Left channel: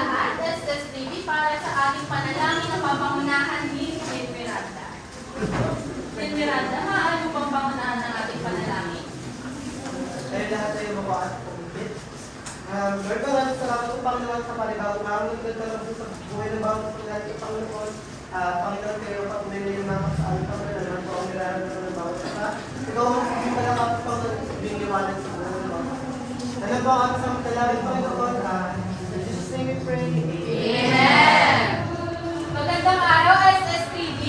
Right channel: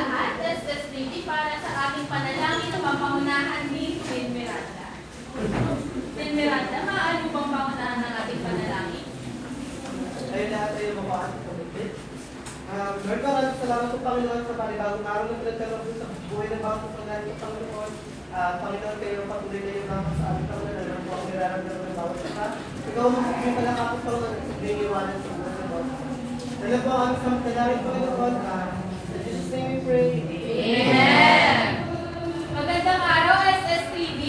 lahat, SSBB, para sa ating panalangin na papangunahan ni Queen Miranda. Queen Miranda, maaari mo bang pangunahan ng ating panalangin? Kaya lahat tayo mabaan pumipit. Lord, maraming salamat po, Panginoon, sa panibagong araw na pinagkalap sa buhay ng bawang pagkain, Panginoon. Panginoon, kayo patuloy na yung naman sa ating Panginoon, naman po ang nilalaman ng bawat isa. Ikaw ang magpupunta ng kapit, Panginoon, sa biniwanan sa buhay ng bawat isa. Ano po ang aming samantalangin, Panginoon? In Jesus' name we pray. Amen! Magandang araw, SSTV!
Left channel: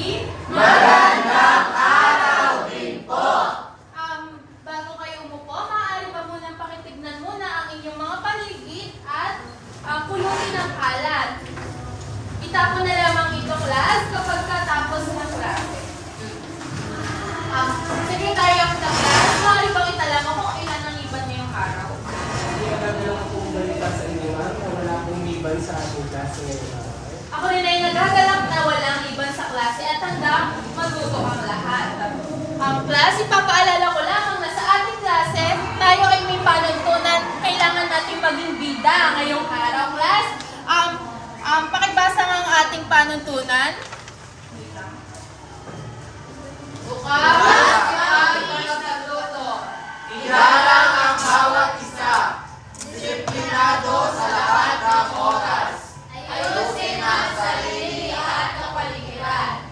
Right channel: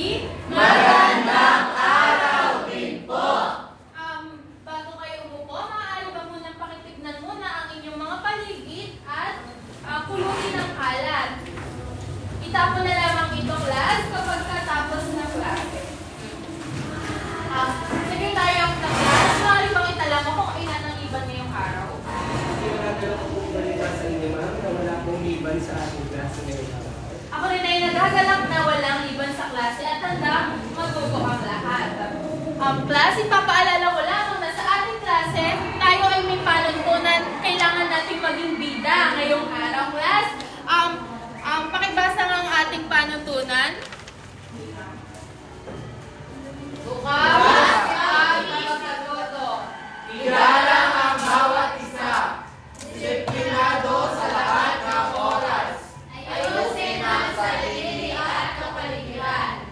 Magandang araw din po! Bago kayo umupo, maaari ba munang pakitignan muna ang inyong mga paligid at pulutin ng kalat. Itapon na lamang ito, class, kapag katapos ng klase. Secretary of the class, maaari bang italaman kung ilan ang liban ngayong araw? Hindi ko nagdala ko pong balita sa inyo, ma'am, na wala pong liban sa ating klase ngayon. Ako rin ay nagagalak na walang liban sa klase at hanggang matuto ang lahat. Class, ipapaalala ko lamang na sa ating klase, tayo ay may panuntunan. Kailangan natin maging bida ngayong araw, class. Pakibasa nga ang ating panuntunan. Bukas ang pagkatuto. Igalang ang bawat isa. Disiplinado sa lahat ng oras. Ayusin ang sarili at kapaligiran.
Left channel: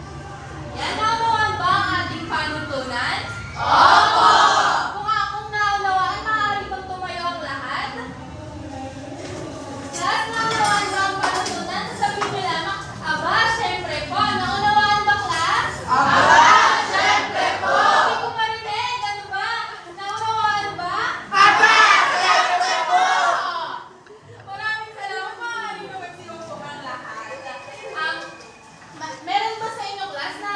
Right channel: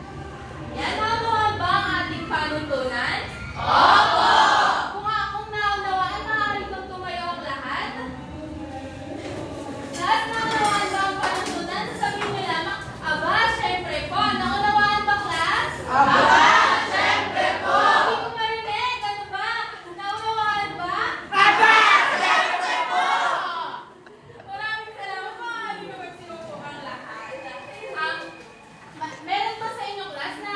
Yan naman ba ang ating panuntunan? Opo! Kung naunawaan, maaari bang tumayo ang lahat? Lahat naunawaan ba ang panuntunan? Sabihin niyo lamang, aba, syempre po. Naunawaan ba, class? Aba, syempre po! Hindi ko marinig. Ano ba? Naunawaan ba? Aba, syempre po! Maraming salamat. Maaari nyo magsinupo ang lahat. Meron ba sa inyo, class, na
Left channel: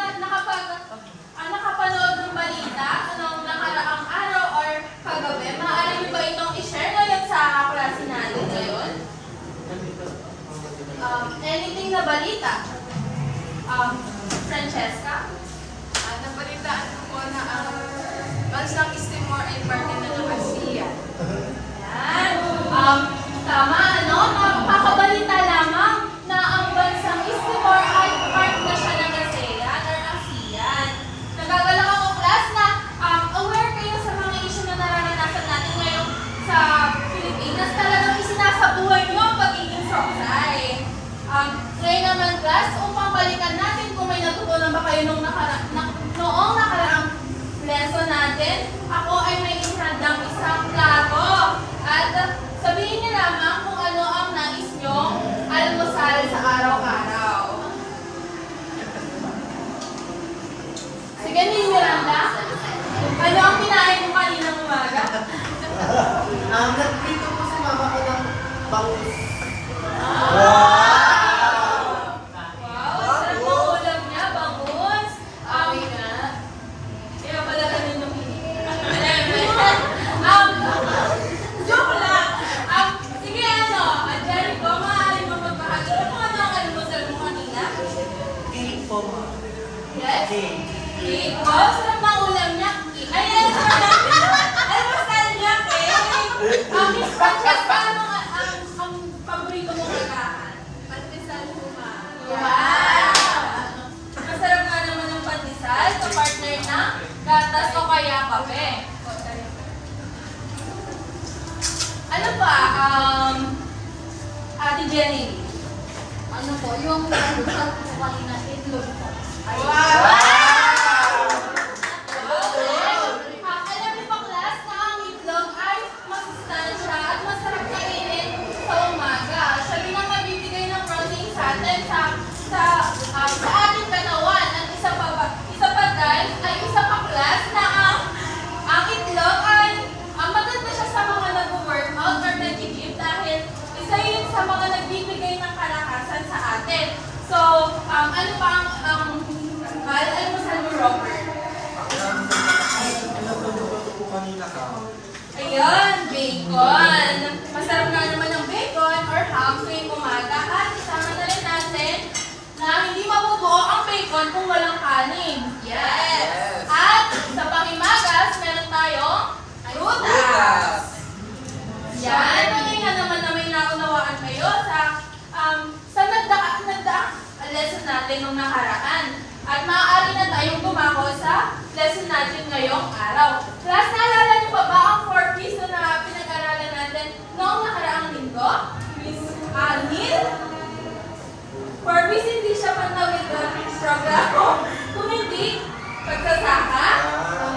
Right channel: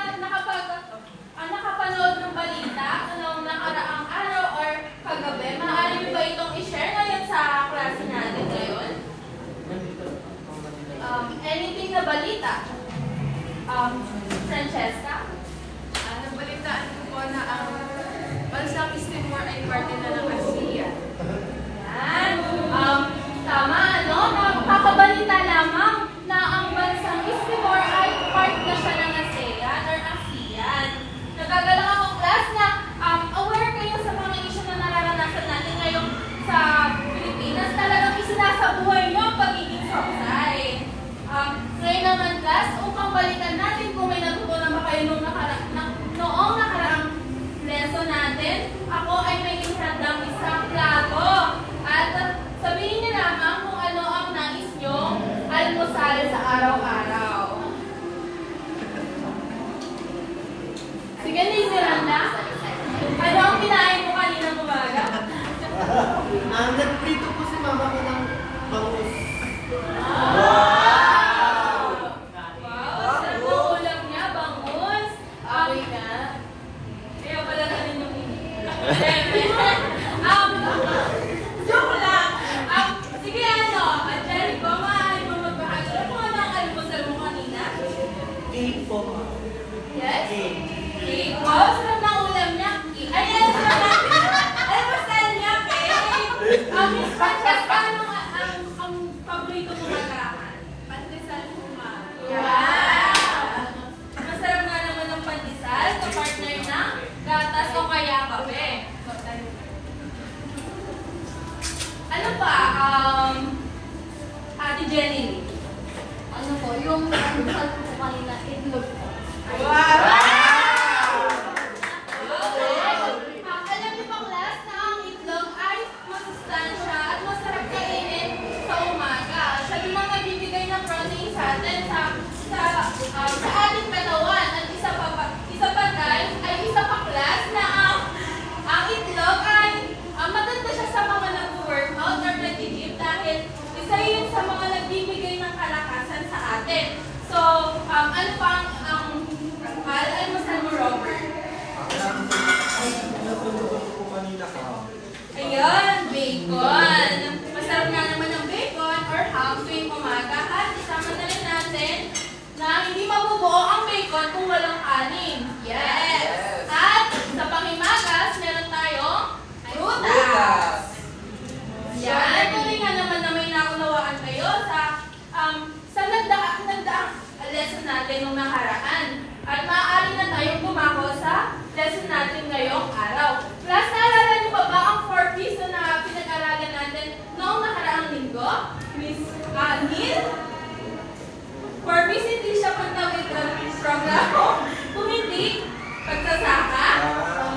nakapanood ng balita noong nakaraang araw or kagabi? Maaari nyo ba itong i-share ngayon sa klase natin ngayon? Anything na balita? Francesca? Nabalitaan ko po na ang bansang East Timor ay partner na ng ASEAN. Yan. Tama, ano? Kakabalita lamang na ang bansang East Timor ay part na siya ng ASEAN or ASEAN. Nagagalak ako, class, na aware kayo sa mga issue na nararanasan natin ngayon sa Pilipinas. Talagang isinasabuhay nyo ang pagiging sausay. Ngayon naman, class, upang balikan natin kung may natutunan ba kayo noong nakaraang lesson natin, ako ay may isadang isang plato. At sabihin niyo lamang kung ano ang nais nyong almusal sa araw-araw. Sige, Miranda. Ano ang kinain mo kaninang umaga? Nag-prito po si mama ko ng bangus. Sarap ang ulam niya, bangus. Na. Kaya pala kami nung joke lang. Sige, Jerry ko, maaari mo magbahagi. Ano ang almusal mo kanina? Cake po. Yes? Cake. Cake. Wow, sarap ng ulam niya. Ay, yes, almusal niya, cake. Miss Francesca, ano ang paborito mong lagahan? Pandesal po, ma'am. Wow! Masarap nga naman ng pandesal sa partner ng gatas o kaya kape. Ano pa, Ate Jenny? Ano po, yung almusal ko kanina, itlog po. Wow! Alam niyo ba, class, na ang itlog ay masustansya at masarap kainin sa umaga. Sabi na mabibigay ng protein sa atin sa ating katawan. At isa pa guys, ay isa pa, class, na ang itlog ay maganda siya sa mga nag-workout or nag-gym dahil isa yun sa mga nagbibigay ng kalakasan sa atin. So, ano pa ang ay mo sa Robert? Natulog po kanina ka. Ayun, bacon. Masarap nga naman ang bacon or ham tuwing umaga. At isama na rin natin na hindi mabubuo ang bacon kung walang kanin. Yes! At sa pangimagas, meron tayong prutas. Yan, tuloy nga naman namin naunawaan kayo sa natin nung nakaraan. At maaari na tayong tumako sa lesson natin ngayong araw. Class, naalala niyo pa ba ang 4 P's na pinag-aralan natin noong nakaraang linggo? Miss Neil? 4 P's hindi siya pantawid doon programo. Kung hindi, pagsasaka,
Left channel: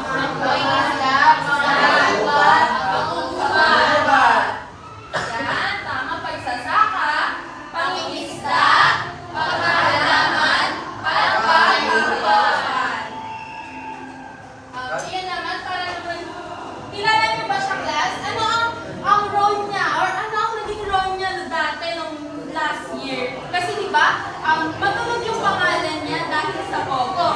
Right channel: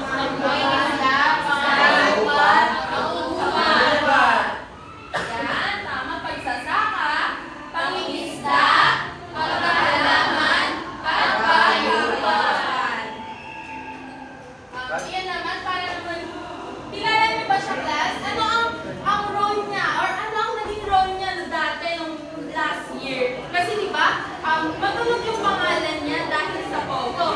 magpaingat, pangalawat, pangungkuhan. Yan, tama, pagsasaka, pangingisda, pagkahalaman, pagpapayuhan. Yan naman, para naman, kilala niyo ba siya, class? Ano ang role niya, or ano ang naging role niya dati nung last year? Kasi diba, matulog yung pangalan niya dahil sa photo.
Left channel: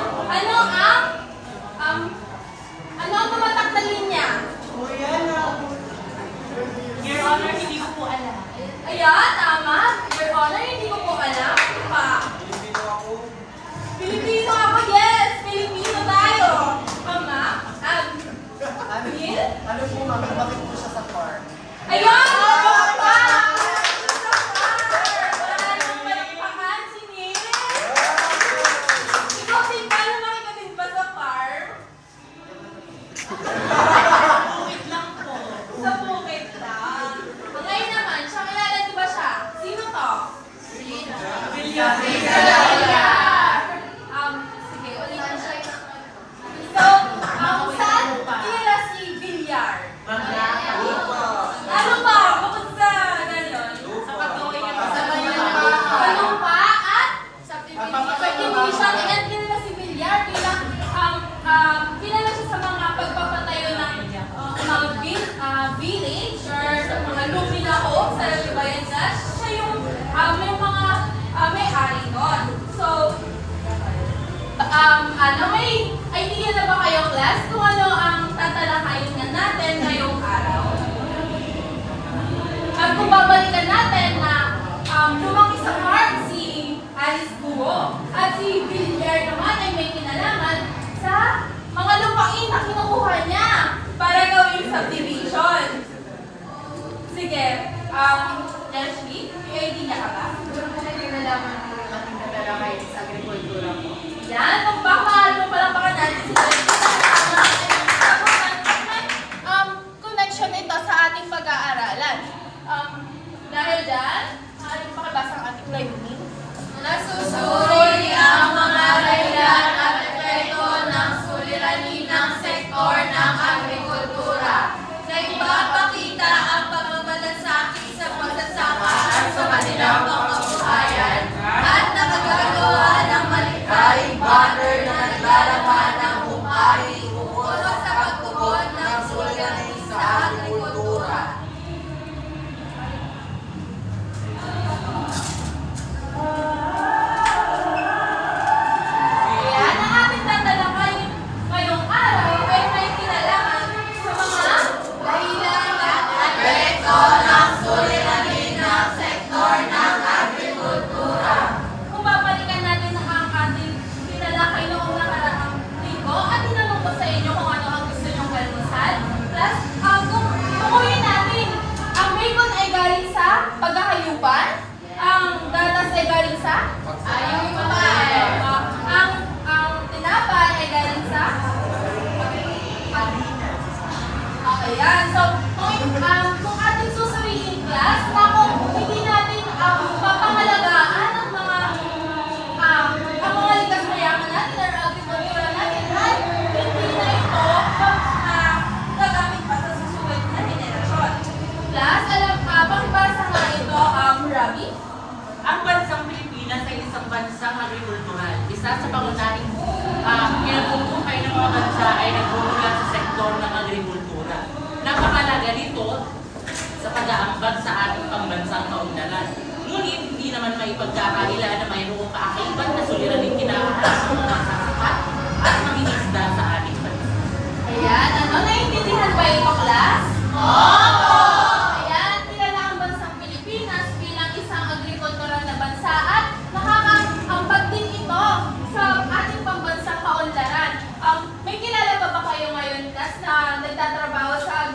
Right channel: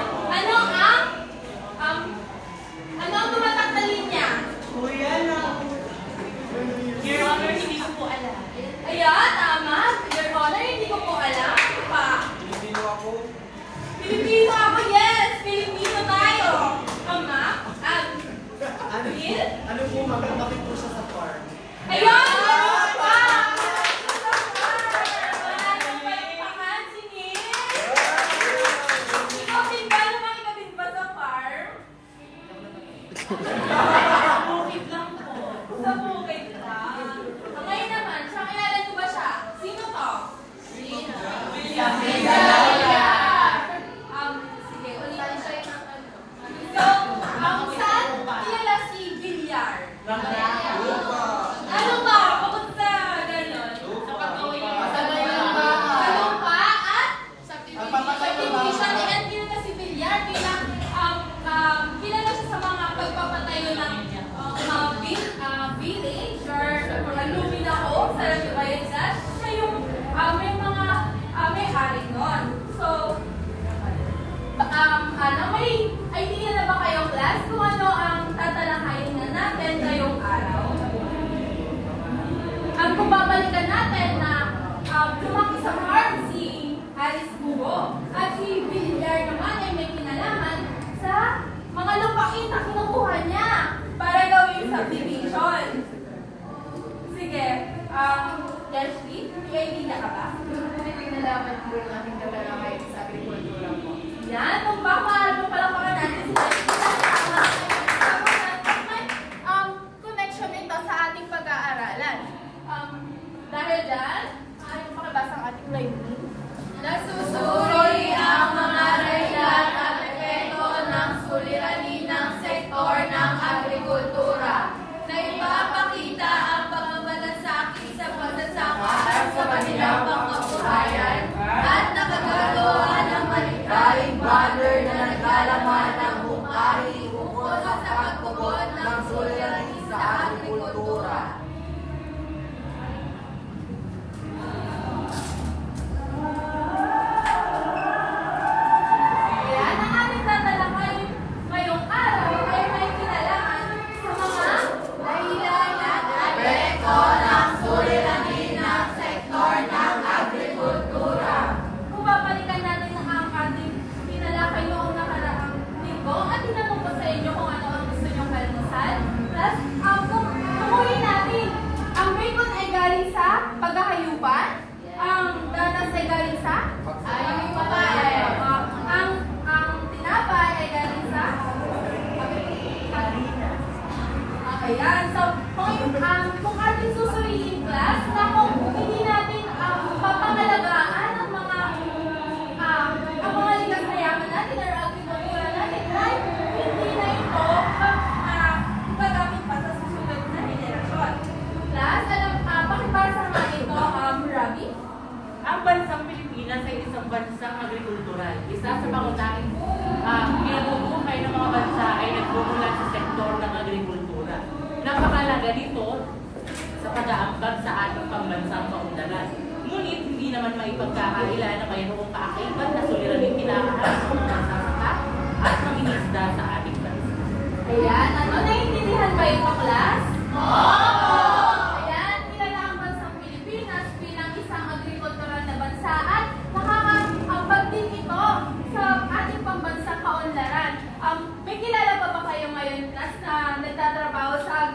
Ano ang tumataktalin niya? Your Honor, hindi ko po alam. Ayan, tama. Your Honor, hindi ko po alam. Pa. Pilipino ako, yes! Pilipino tayo. Ama? Neil? Ano po, ma'am? Bakit po siya sa farm? Ayun! Pa! Sa farm! Wala nang palakpakan si Neil. Ikaw din ba? Naman ka din ba sa farm? Bukid lang po. Sa bukid lang. Ngayon naman, siya kilala niyo ba siya? Sino to? Villar. Sige, ulitin siya yung So, saan kilala si Villar? Ano ba? Bukod sa gano'n? Sa Balumpa at subdivision. Ayan, kilala si Villar. Kilala siya sa mga pagpapatayo ng mga village or mga luminaho sa Lubayan. Siya yung mga may-ari doon. So, may idea na ba kayong class kung ano ang tatalakayin na natin ngayong araw? Kung babalikan natin na lumaki sa farm si Alice Buho at si Villar naman ay may kinalaman sa mga lupain na kinukuha niya para gawing subdivision. Sige, Judge B, may idea ka ba? Kinalaman po yung ating tatalakayin sa agrikultura po. Yan, kung baka mahal mo palang baka natin si Judge B. Connection ito sa ating pag-aaralan. Dahil dyan, yung pakibasa ang ating layunin. Nasusuri ang mga dahilan at epekto ng suliranin ng sektor ng agrikultura na ipapakita ang pagmamalasakit sa pagsasaka sa kanilang pangkabuhayan at nakagagawa ng malikhaing banner na naglalaman ng umahi ukol sa pagtugon ng suliranin sa agrikultura. Ayan, ang ating tatalakayin ngayong araw ay may kinalaman sa mga dahilan at epekto ng suliranin ng sektor ng agrikultura. Kung babalikan natin ang ating tinalakay noong nakaraang linggo at tinanong ko sa inyo kung ano ang gusto nyong kalinisan. Plus, tumuloy natin, ang bacon ay galing sa pagkakayupan, ang gatas ay galing sa ayupan, ang tinapay ay galing sa ayan. So, kung ating susuriin class, kung hindi natin papangalagaan ang mga likas mayaman natin or agrikultura natin, ay hindi na ito gagamit pa sa susunod na henerasyon. Class, pakibasa nga ito, Rabi. Ang bansang Pilipinas ay isang bansang agrikultural. Isa sa pangunahing kinabubuhay ng mga bansa ay nagmumula sa sektor ng agrikultura. Napakalaga nito sa pag-aambag sa ating pambansang kaunlaran. Ngunit hindi naman maipagkakaila na mayroong kaakibat na suliraning kinakaharap ng mga magsasaka at mangingisda sa ating bansa. Ayan, naiintindihan ba ito, class? Oo! Ayan, kilala ang bansang Pilipinas bilang isang agrikultural na bansa at nakakaambag din ito sa ating pambansang kaunlaran. May kilala ba kayo ngayon, class, na nagtatrabaho sa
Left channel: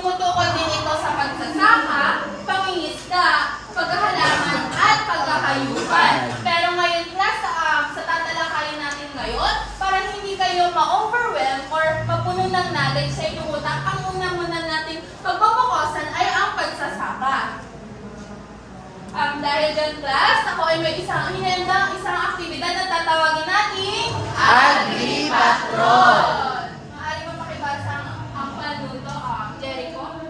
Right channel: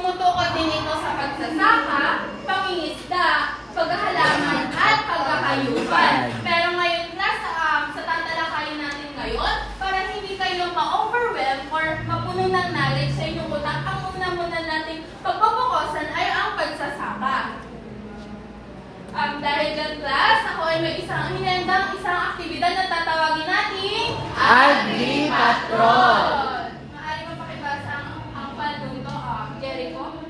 Tumutukod din ito sa pagsasaka, pangingisda, paghahalaman at paghahayupan. Pero ngayon class, sa tatalakayin natin ngayon, para hindi kayo ma-overwhelm or mapuno ng knowledge sa inyong utak, ang una muna natin pagpapakosan ay ang pagsasaka. Dahil dyan class, ako ay may isang aktibidad na tatawagin natin Agri-Patrol. Maaari mo pakibasa ang panuto, Jericho?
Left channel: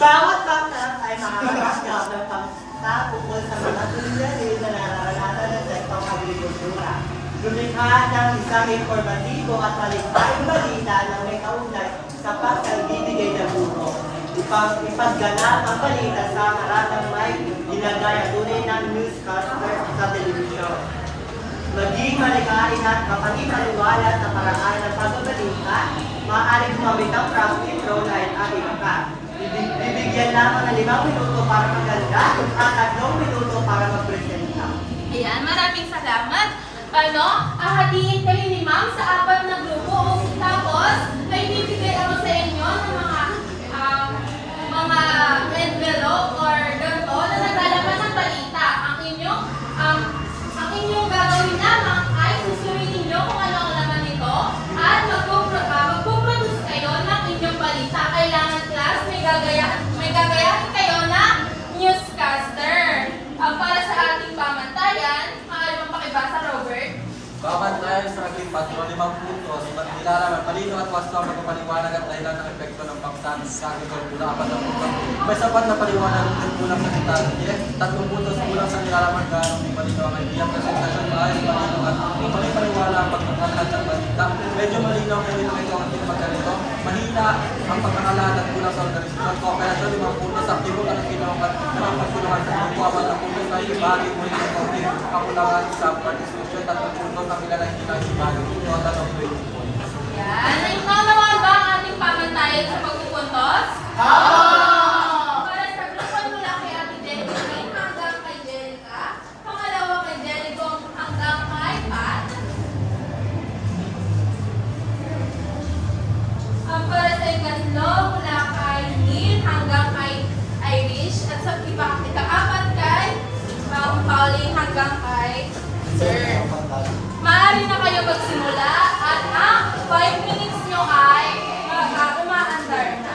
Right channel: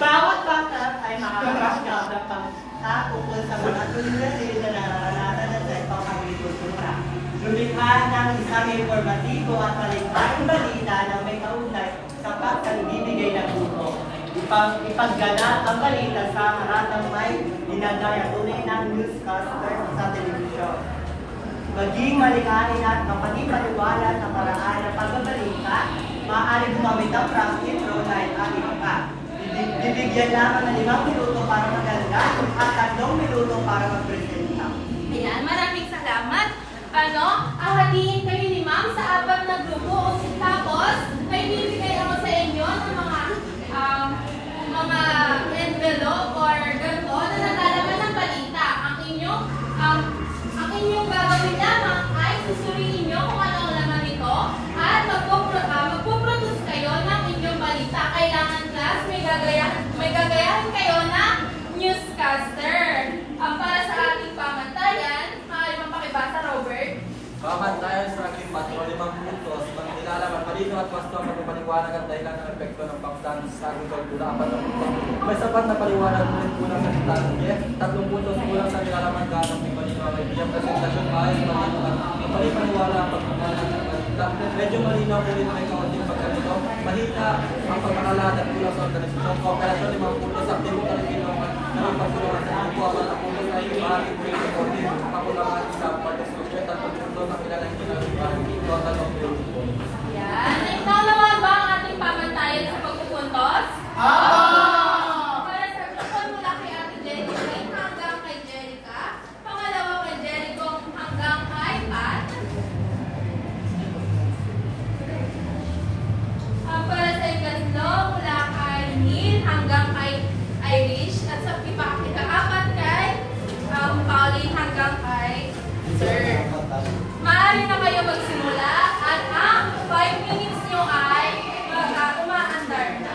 Bawat bata ay makakapasok sa tungkol sa mga suliranin na nararanasan ng sektong agrikultura. Lumikha ng isang informatibo at maligayang balita na may kaugnay sa pagbibigay ng tulong. Ipagganap ang balita sa haratang may ginagaya tunay ng newscaster sa telebisyon. Maging malikhain at mapagipaliwanag na paraan ng pagbabalita, maaaring gumamit ang practice role line ang iba pa. Bibigyan lamang ng 5 minuto para maganda at 3 minuto para magpresenta. Ayan, maraming salamat. Hahatiin kayo ni ma'am sa 4 na grupo. Tapos, may bibigay ako sa inyo ng mga envelope or ganito na naglalaman ng balita. Ang inyong gagawin lamang ay susurin ninyo kung ano ang laman nito at magpuproduce kayo ng inyong balita. Kailangan class, may gagayahin kayo na newscaster. Para sa ating pamantayan, maaari mong pakibasa, Robert. Bawat tayo sa ating patrol 5 puntos, nilalaman palino at pasto ang magpapaliwanag at dahilan ng epekto ng pagsan sa agrikultura. May sapat na paliwanag ng kulang sa kitang 3 puntos kulang sa nilalaman ganong may palino ang idea, presentasyon maayos, palino at palipaliwala ang pagkakalat ng balita. Medyo malino ang hindi nakikaunting pagkalito. Mahina ang pagkakalat at kulang sa organisasyon. Kooperasyon 5 puntos, aktibo ka ng ginawa na mapagkulangan sa mga buwawan ng puntos na ibahagi mo yung reporting, kakulangan sa partisipasyon at pagpunto ng ilalagay na ibahagi ito at anong pinupon. Yan. Naman ba ang ating pamantayan sa pagpupuntos? Para sa grupo mula kay Ate Jerica hanggang kay Jerica, pangalawa kay Jericho hanggang kay Pat. Para sa ikatlo, mula kay Neil hanggang kay Irish, at sa ika-4 kay Pauline hanggang kay Sir. Maaari na kayo magsimula at ang 5 minutes nyo ay umaandar na.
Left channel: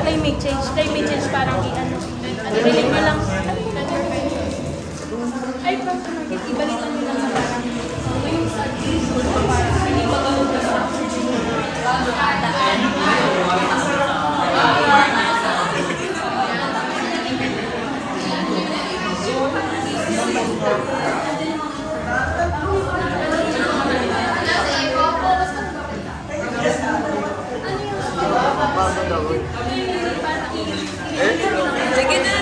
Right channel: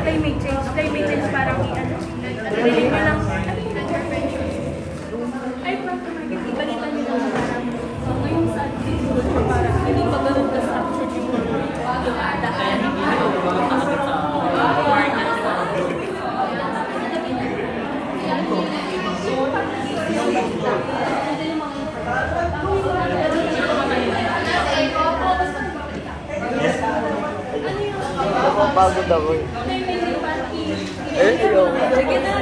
Climate change parang Bili mo lang. Ay, ibalikan mo lang. Yung sa bili mo lang. Bago daw eh. Sige na.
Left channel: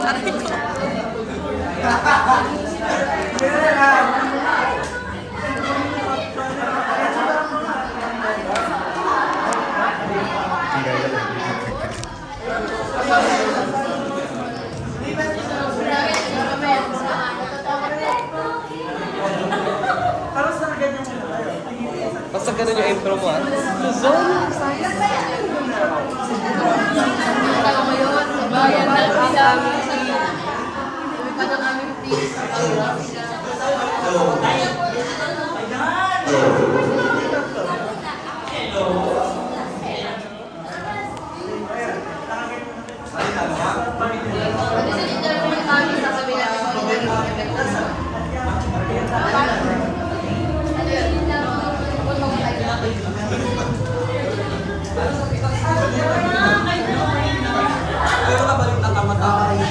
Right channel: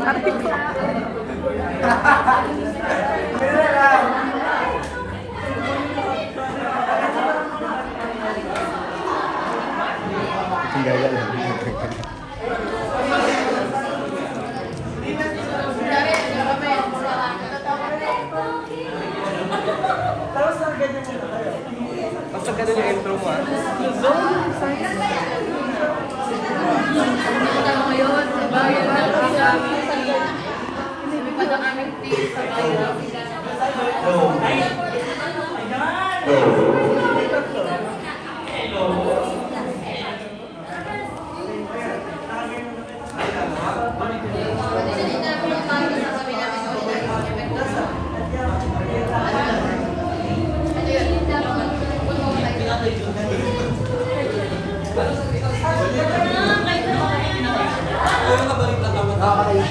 Aray ko. Tapos nakaganyan mo na kayo. Pero nabalita ka matapos.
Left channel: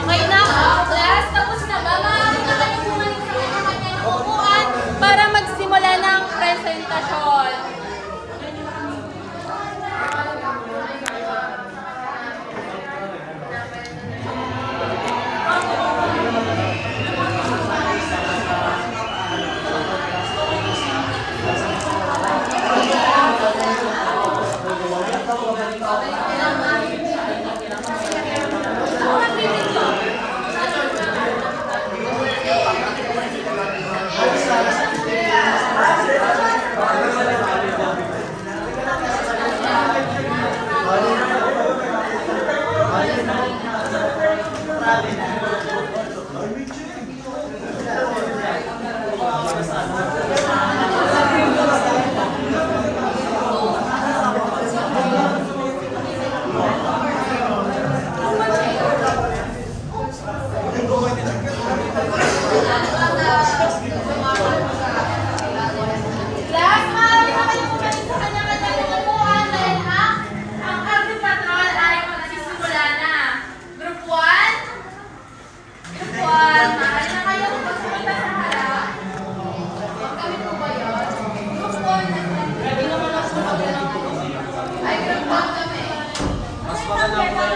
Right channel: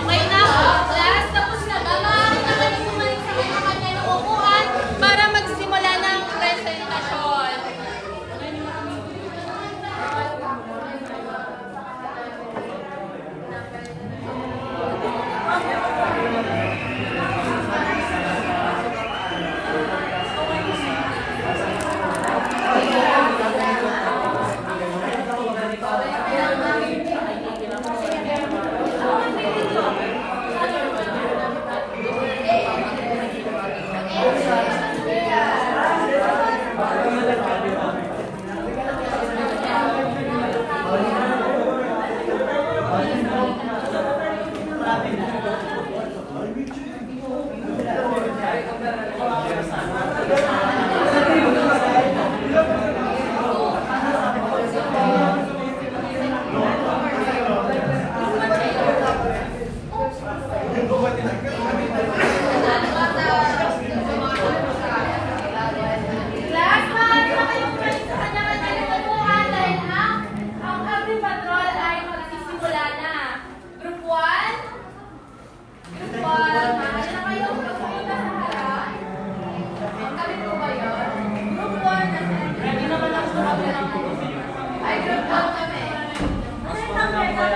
Okay na, class, tapos na ba? Maaari na kayo bumalik sa kanya ng upuan para magsimula na ang presentasyon. Class, maaari na kayo bumalik sa kanya ng upuan dahil ang agri-patrol ay magsisimula na. Group 1? Group 1, maaari na kayo magpunta sa harap. Kami po ba yun? Group 4 na. Grabe naman ako sa kapila naman. Ay, group 1 kami. Mas maganda ba?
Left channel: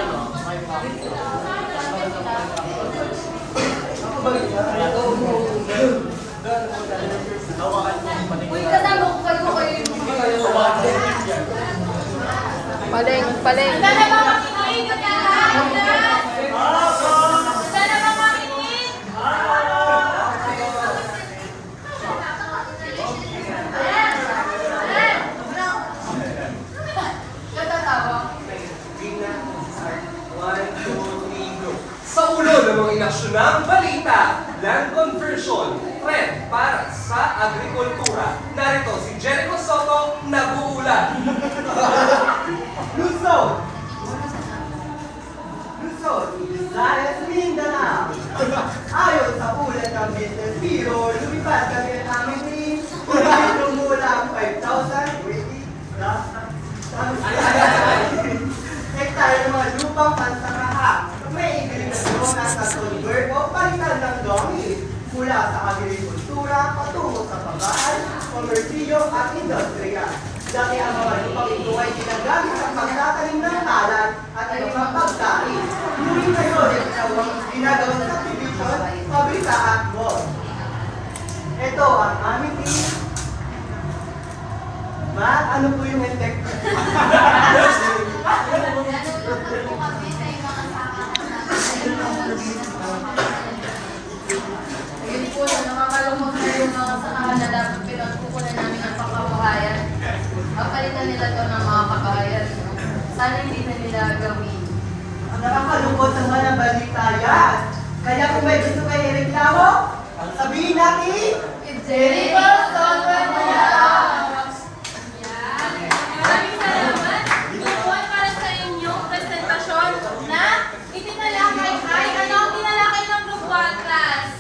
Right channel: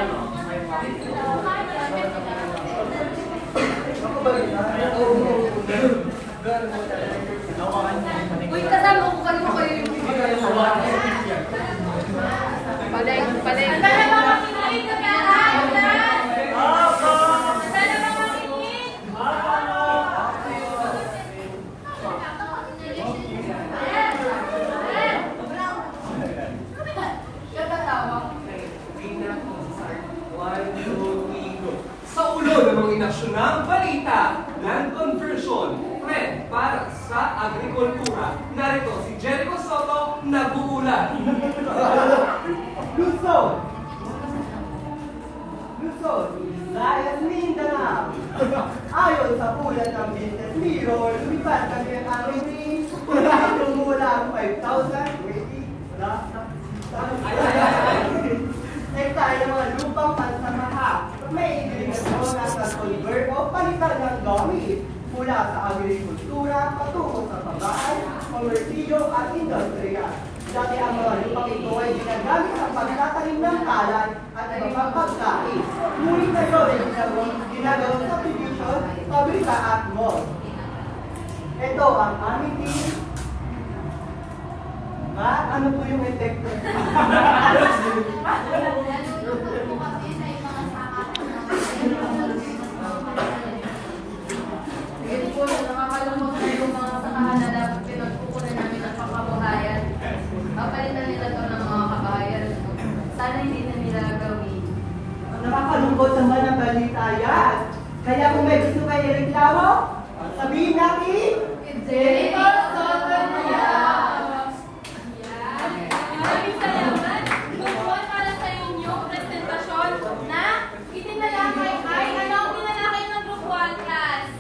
Uy, kasama ko kayo yung palay. Sana ba makinig ka lahat? Sana ba makinig? Sa ulo ng mga inaksyonang balita, land conversion, trend para sa agrikultura. Narito si Jericho Soto, nag-uulat. Luzon, Visayas, Mindanao. Ayon sa ulat ng Business Mirror, lumipad kami ng aming team. Tumulang 5,000 hektar ng mga lupang pansamaha. May ibiligason ng convert o palitan ng gamit mula sa agrikultura patungo sa pagkaan, komersilyo at industriya. Dati ang mga lupang ito ay ginagamit sa pagtatanim ng palay at iba pang pagkain. Ngunit ngayon, ginagawa sa subdivision, pabrika at mall. Ito ang aming team. Ano po yung effect? na dapat pinagkukunan namin ng pangkabuhayan. Papalitan nila ito ng mga kabayan. Sana hindi na nila gawin. Ang nakakalungkot naman ang balita yan. Kaya kung may gusto kayo reklamo, sabihin natin, Jericho Soto niya! Maraming salamat. Tutuan para sa inyong presentasyon na itinalakay ay ano ang tinalakay ng Group 1 class?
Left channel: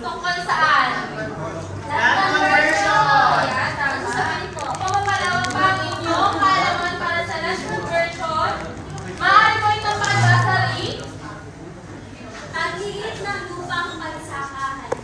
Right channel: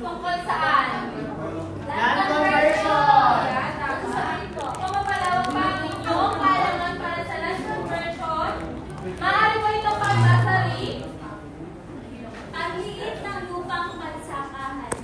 Tungkol saan? Land conversion! Yan, tapos saan? Pamapalawak pa ang inyong kaalaman para sa land conversion? Maaari ko itong pagbasari? Ang liit ng lupang pagsakahan.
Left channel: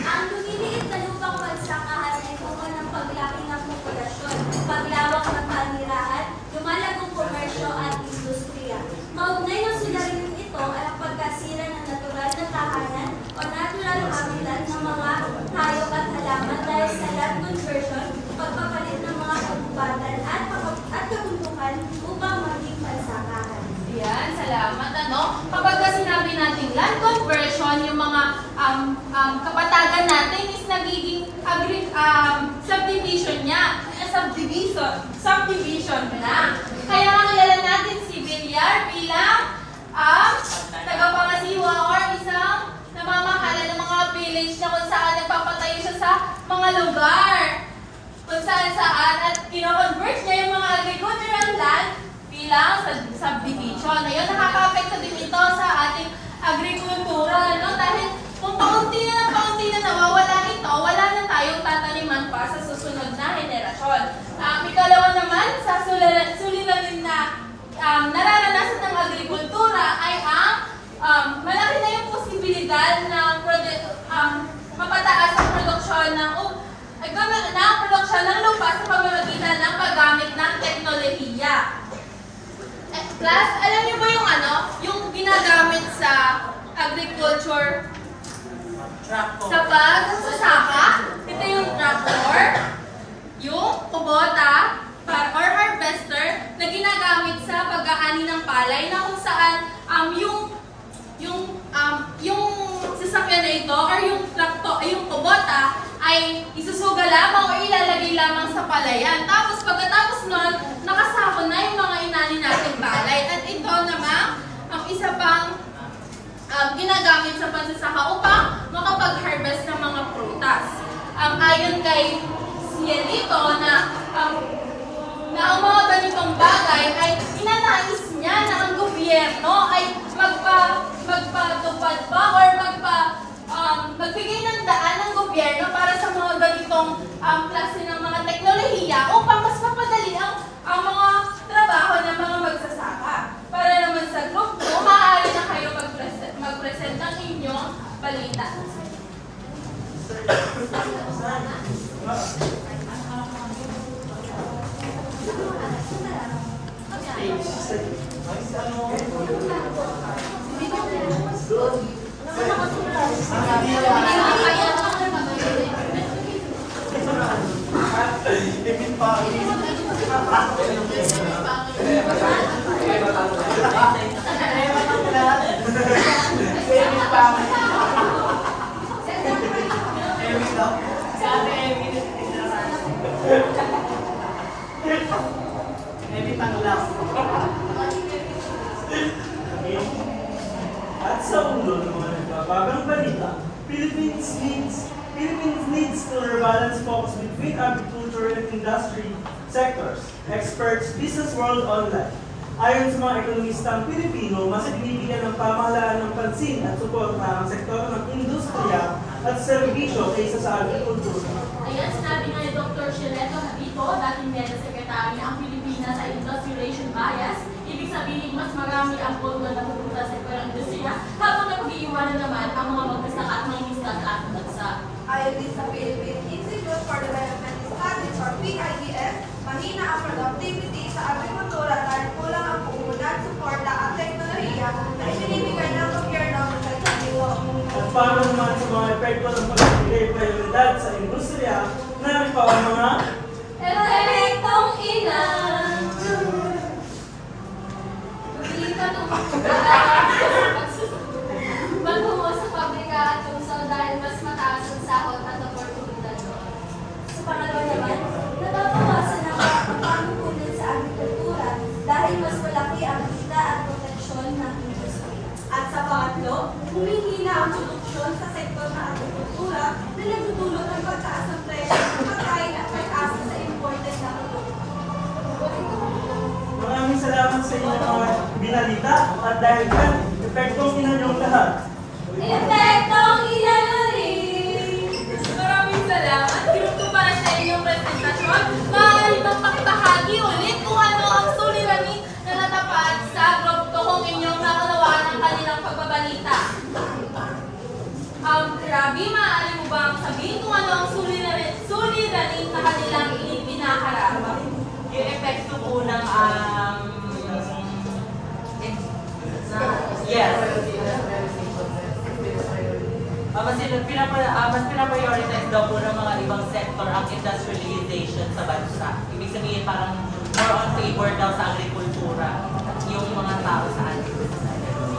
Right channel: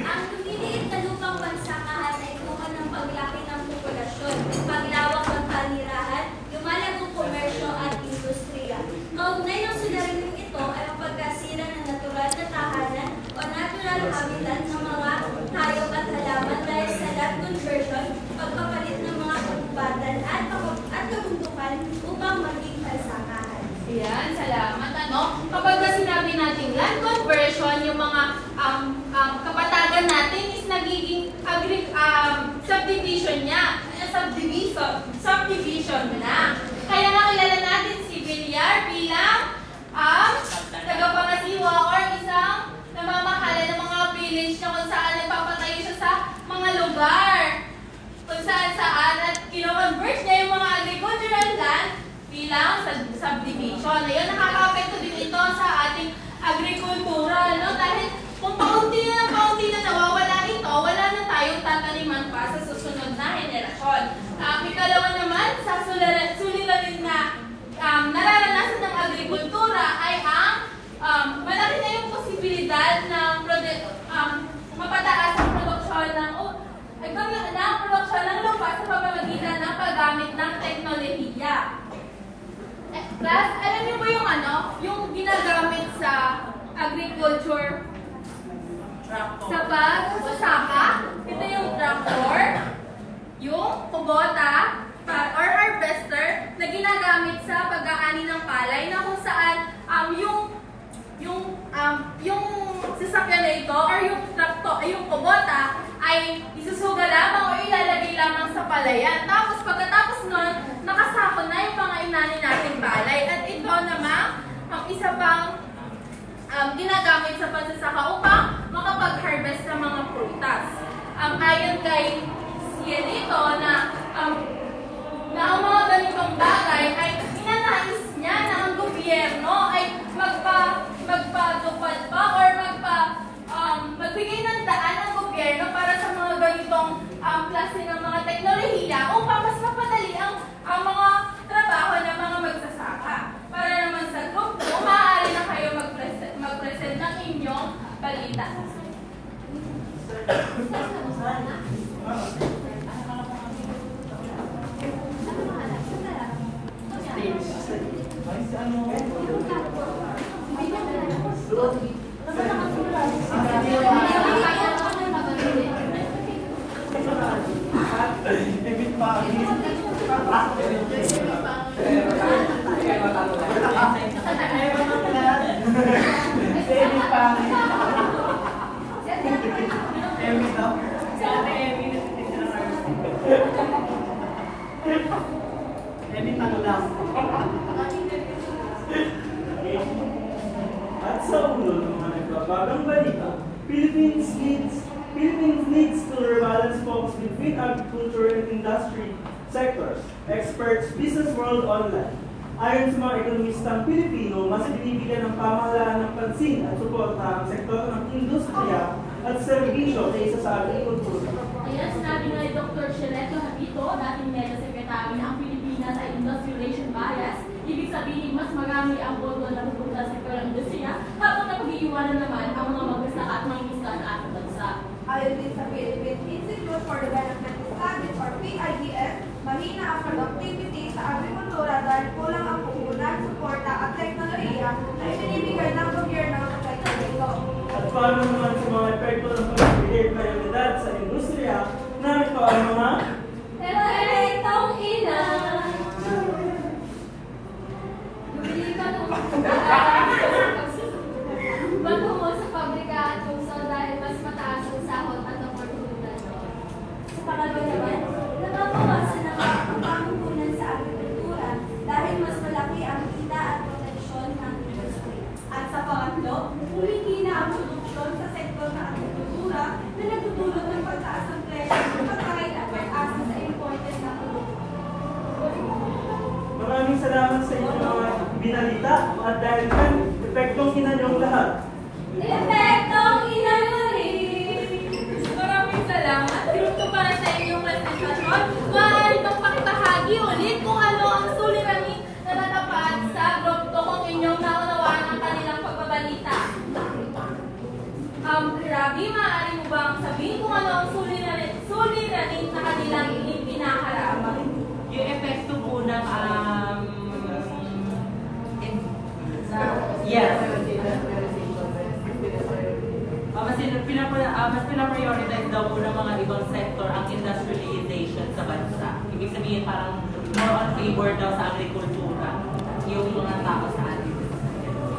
Ang lumiliit na lupang pagsakahan ay bunga ng paglaki ng populasyon, paglawak ng panirahan, lumalagong komersyo at industriya. Kaugnay ng suliraning ito ay ang pagkasira ng natural na tahanan o natural habitat ng mga hayop at halaman dahil sa land conversion, pagpapalit ng mga kagubatan at kabundukan upang maging pagsakahan. Yan, salamat. Ano? Kapag na sinabi natin land conversion, yung mga kapatagan natin is nagiging subdivision niya. Subdivision na. Kaya nakilala natin si Villar bilang tagapangasiwa or isang namamahala ng mga village na kung saan nagpapatayo siya sa mga lugar. Kung saan at kino-convert niya yung mga agricultural land siya ng lupa sa pamamagitan ng paggamit ng teknolohiya. Class, alam niyo ba yung yung ginagamit sa agriculture? Sa pagsasaka? Ito yung tractor, yung kubota, or harvester na ginagamit sa pag-aani ng palay na kung saan yung sasakyan na ito or yung tractor, yung kubota ay isusuga lamang o ilalagay lamang sa palayan. Tapos pagkatapos nun, nakasako na yung mga inani nating palay. At ito naman, ang isa pang ginagamit sa pagsasaka upang makapag-harvest ng mga prutas. Ayon kay Cielito na ang mga ganitong bagay ay inanais niya na ang gobyerno ay magpatupad pa or magbigay ng daan ng gobyerno para sa mga ganitong klase ng mga teknolohiya upang mas mapadali ang mga trabaho ng mga magsasaka. Para naman sa group mo, maaari na kayo mag-present ng inyong balita. At sa ulo ng mga nagbabagang balita, Philippines needs to rebalance focus between agriculture and industry sectors, experts, business world online. Ayon sa mga ekonomistang Pilipino, mas ibibigyan ng pamahalaan ng pansin at suporta ang sektor ng industriya at serbisyo kaysa sa agrikultura. Ayan, sinabi nga ni Dr. Cielito Habito, dating Meta Secretary ng Pilipinas sa Industrialization Bias. Ibig sabihin, mas marami ang boto na napupunta sa sektor ng industriya habang napag-iiwanan naman ang mga magsasaka at mga miskat sa ating bansa. Ayon din sa Philippine Institute for Development Studies or PIDS, mahina ang productivity sa agrikultura dahil kulang ang puhunan, suporta at teknolohiya na itinibigay ng gobyerno sa sektor nito. At paano naman sa mga epekto ng pagbibigay prioridad sa industriya, namin pa ang mga Epektong ilan. Magtungo sa pabrika at tungsod dahil mas mataas ang sahod at oportunidad doon. Sa pangalawa naman, nababawasan ang pagkukunan sa agrikultura dahil mas malaki ang kita at potensyon ng industriya. At sa pangatlo, humihina ang produksyon sa sektor ng agrikultura na nagtutulot ng pagtaas ng presyo ng pagkain at pag-asa sa imported na produkto. Maraming salamat sa inyong mga binalita at dahil yan, epektong inanyong lahat. Epektong ilan rin! Maraming salamat. Grupo para sa inyong presentasyon. Maaari bang pakibahagi ulit kung ano ang suliranin na natapat sa grupo kung inyong nakalawaan ang kanilang pagbabalita? Rabi, maaari mo bang sabihin kung ano ang suliranin na kanilang pinaharap? Yung epekto po ng yes. Mas pinaprioritize daw po ng mga ibang sector ang industrialization sa bansa. Ibig sabihin parang more on favor daw sa agrikultura yung mga tao sa ating bansa.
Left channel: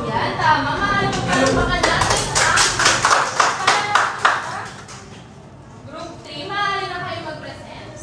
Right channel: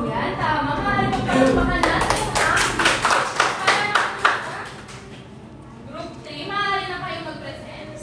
Yan, tama. Maaari magpapakanan natin ang Group 3. Maaari na kayo mag-present.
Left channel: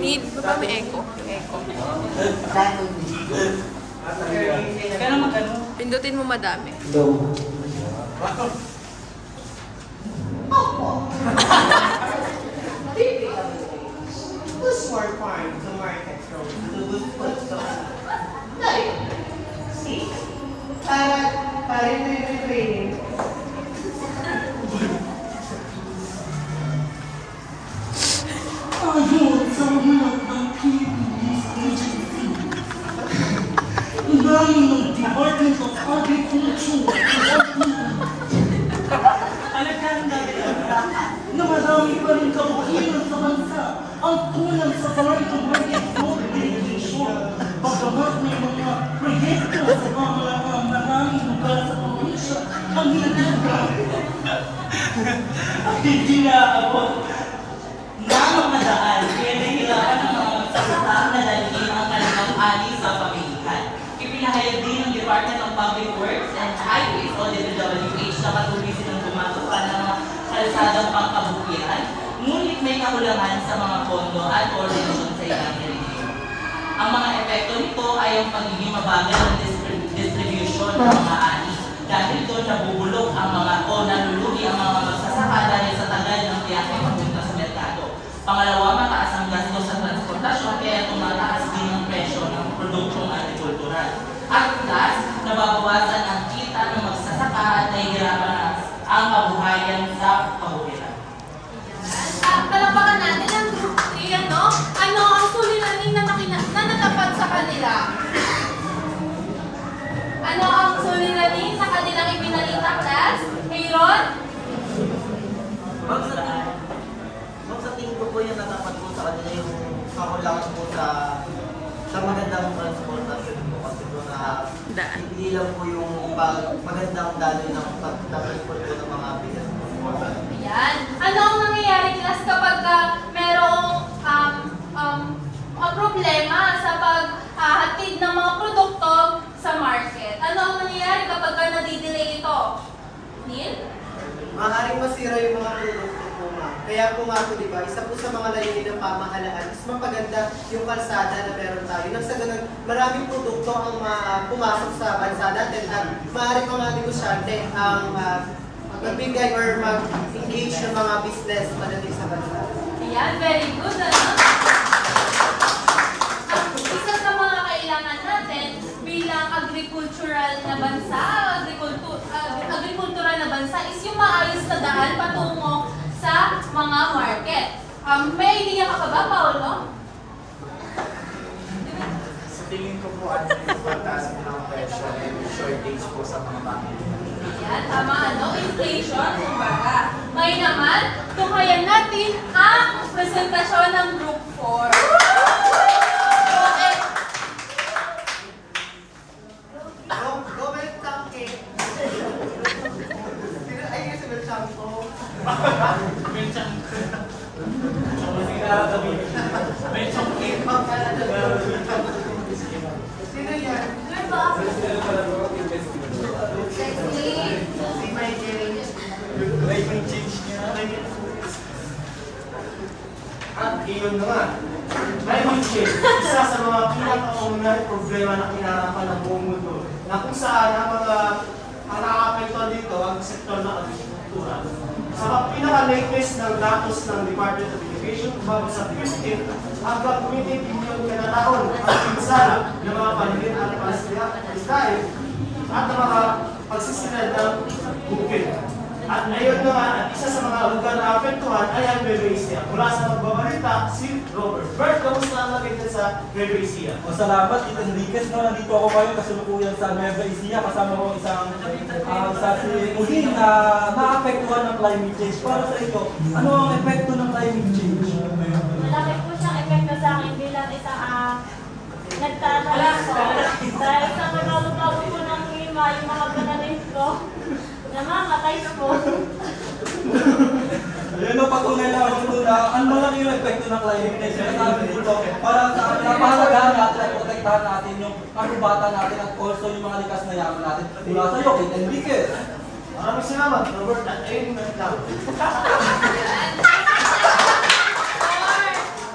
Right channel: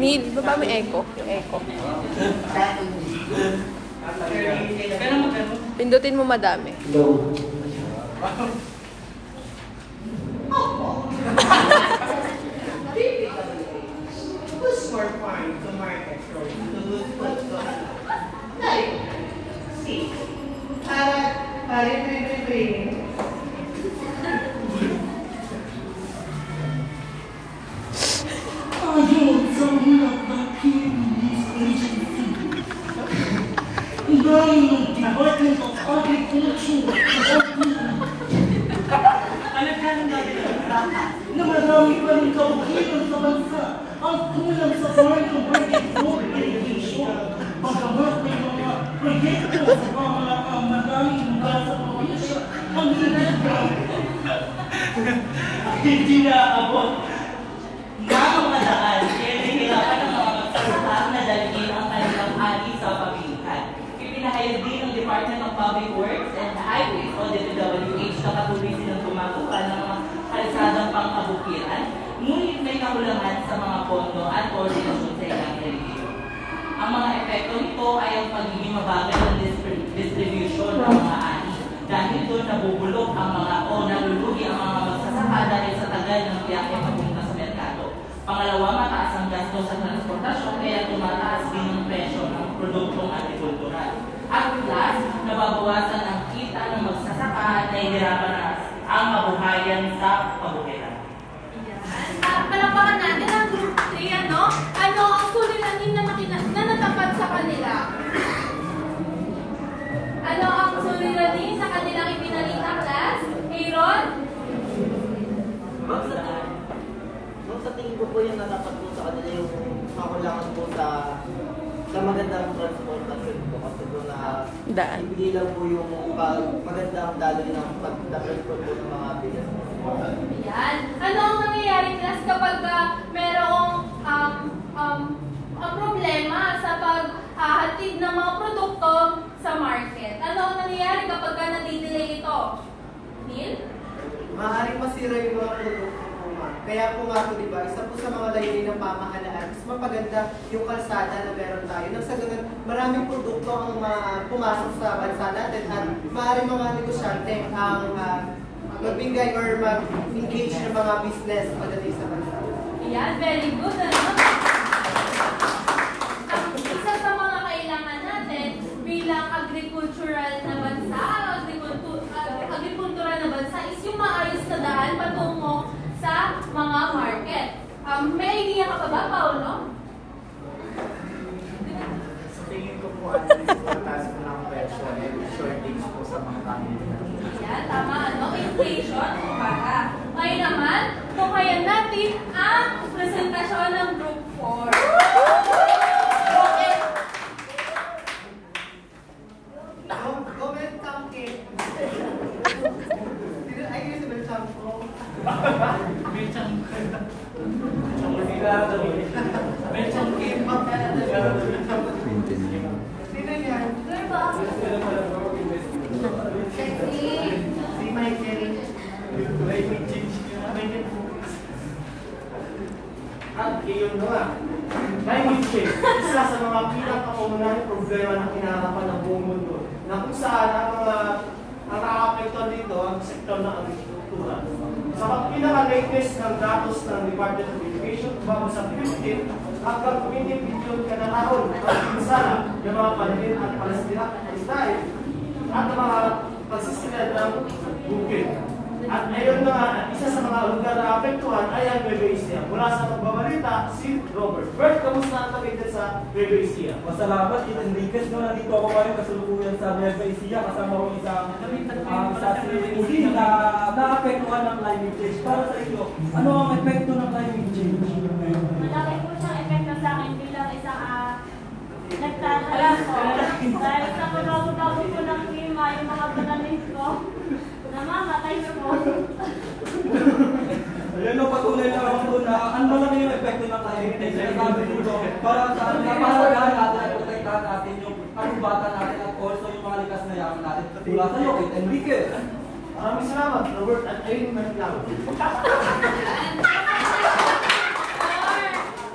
Need, baba may echo. Echo. Pindutin mo madami. Para ito yung training. marami pa rin kaukulan sa bansa ang kulang sa farm-to-market food distribution. Bagamat may mga proyekto sa maraming lugar sa probinsya, ang hindi naabot. Namamadaan, kaya nahihirapan ang mga magsasaka na dalhin ang kanilang ani sa pamilihan. Ipinahayag din ng Department of Public Works and Highways o DPWH na patuloy silang gumagawa ng mga kalsadang pangkabukiran, ngunit may kakulangan sa mga pondo at koordinasyon sa ilang rehiyon. Ang mga epekto nito ay ang pagiging mabagal ng distribution ng mga ani. Dahil doon nabubulok ang mga o nalulugi ang mga magsasaka dahil sa tagal ng biyahe papunta sa merkado. Pangalawa, mataas ang gasto sa transportasyon kaya tumataas din ang presyo ng produktong agrikultural. At plus, nababawasan ang kita ng magsasaka at nahihirapan na ang kabuhayan sa kabukiran. Palapakan natin ang Group 3, ano? Ano ang suliranin na natapat sa kanila? Ano ang suliranin sa kanilang ipinalita, class? Aaron? Sa tingin ko po yung natapat po sa kanila yung kakulangan po sa magandang transportasyon po kasi po na ibili lang po yung magandang daloy ng pag-transport po ng mga bigas. Ayan. Ano ang nangyayari, class, kapag merong ang problema sa paghatid ng mga produkto sa market? Ano ang nangyayari kapag nadidelay ito? Neil? Maaaring masira yung mga produkto po, ma'am. Kaya po nga po, diba, isa po sa mga layunin ng pamahalaan is mapaganda yung kalsada na meron tayo. Nang sa ganun, maraming produkto ang pumasok sa bansa natin at maaaring mga negosyante ang magbigay or mag-engage ng mga business padating sa bansa. Ayan, very good. Ano? Isa sa mga kailangan natin bilang agricultural na bansa, agrikultural na bansa is yung maayos na daan patungo sa mga market. May idea ka ba, Paolo? Sa tingin ko po, ang pagtaas ng presyo ay shortage po sa mga pamilya. Yan, tama, ano? Inflation, kumbaga. Ngayon naman, tukayan natin ang presentasyon ng Group 4. Comment something. Ay, kasi Belchampo. Sino yan? Si Michael. At iyon nga, climate change, isa sa mga pinakaunang problema na kinarapan ng buong mundo na kung saan ang mga nakaka-apektuhan dito ang sektor ng agrikultura. Sa pinaka-latest ng datos ng Department of Education, umabot sa 15 hanggang 20 billion kanalahon pagpinsala ng mga panalit at palastahin at ng mga pagsisinad ng bukid. At ngayon naman, at isa sa mga lugar na apektuhan ay ang Nueva Mula sa magbabalita, si Robert. Bert, kamusta ang nakita sa Nueva Ecija? Masalamat, Tito Enriquez. No, nandito ako ngayon kasalukuyan sa Nueva Ecija. Kasama ko isa si Pauline na naapektuhan ng climate change. Para sa iyo, ano ang epekto ng climate change? Malaki po siyang epekto sa akin bilang isang nagtatala ko. Dahil sa pagkabot ko ng lima, yung mga pananim ko, namamatay ko. Ayun, napatunay lang ako doon na ang malaki yung epekto ng climate change. Kaya sabi ko doon, para napahalagahan natin ay protektahan natin yung karubatan natin at also yung mga likas na yaman natin. Mula sa iyo, Tito Enriquez. Maraming salamat, Robert. At ayun, managlaw.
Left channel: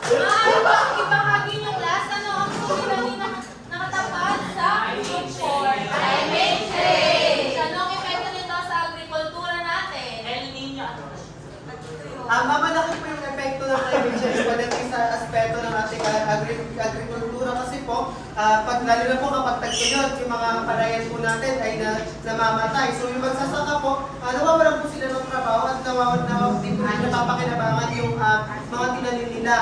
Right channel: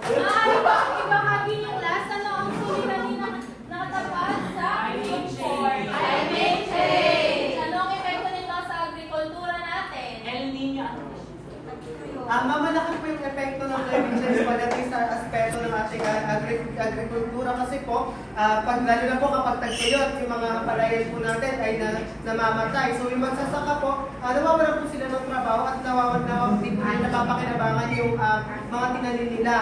Maaari ba ibahagi niyo, class, ano ang suliranin na nakatapat sa Group 4? Climate change! Ano ang epekto nito sa agrikultura natin? El Niño. Mamalaki po yung epekto ng climate change pagdating sa aspeto ng ating agrikultura kasi po, lalo na po kapag tagtuyot, yung mga palayan po natin ay namamatay. So yung magsasaka po, nawawalan po sila ng trabaho at napapakinabangan yung mga tinanim nila.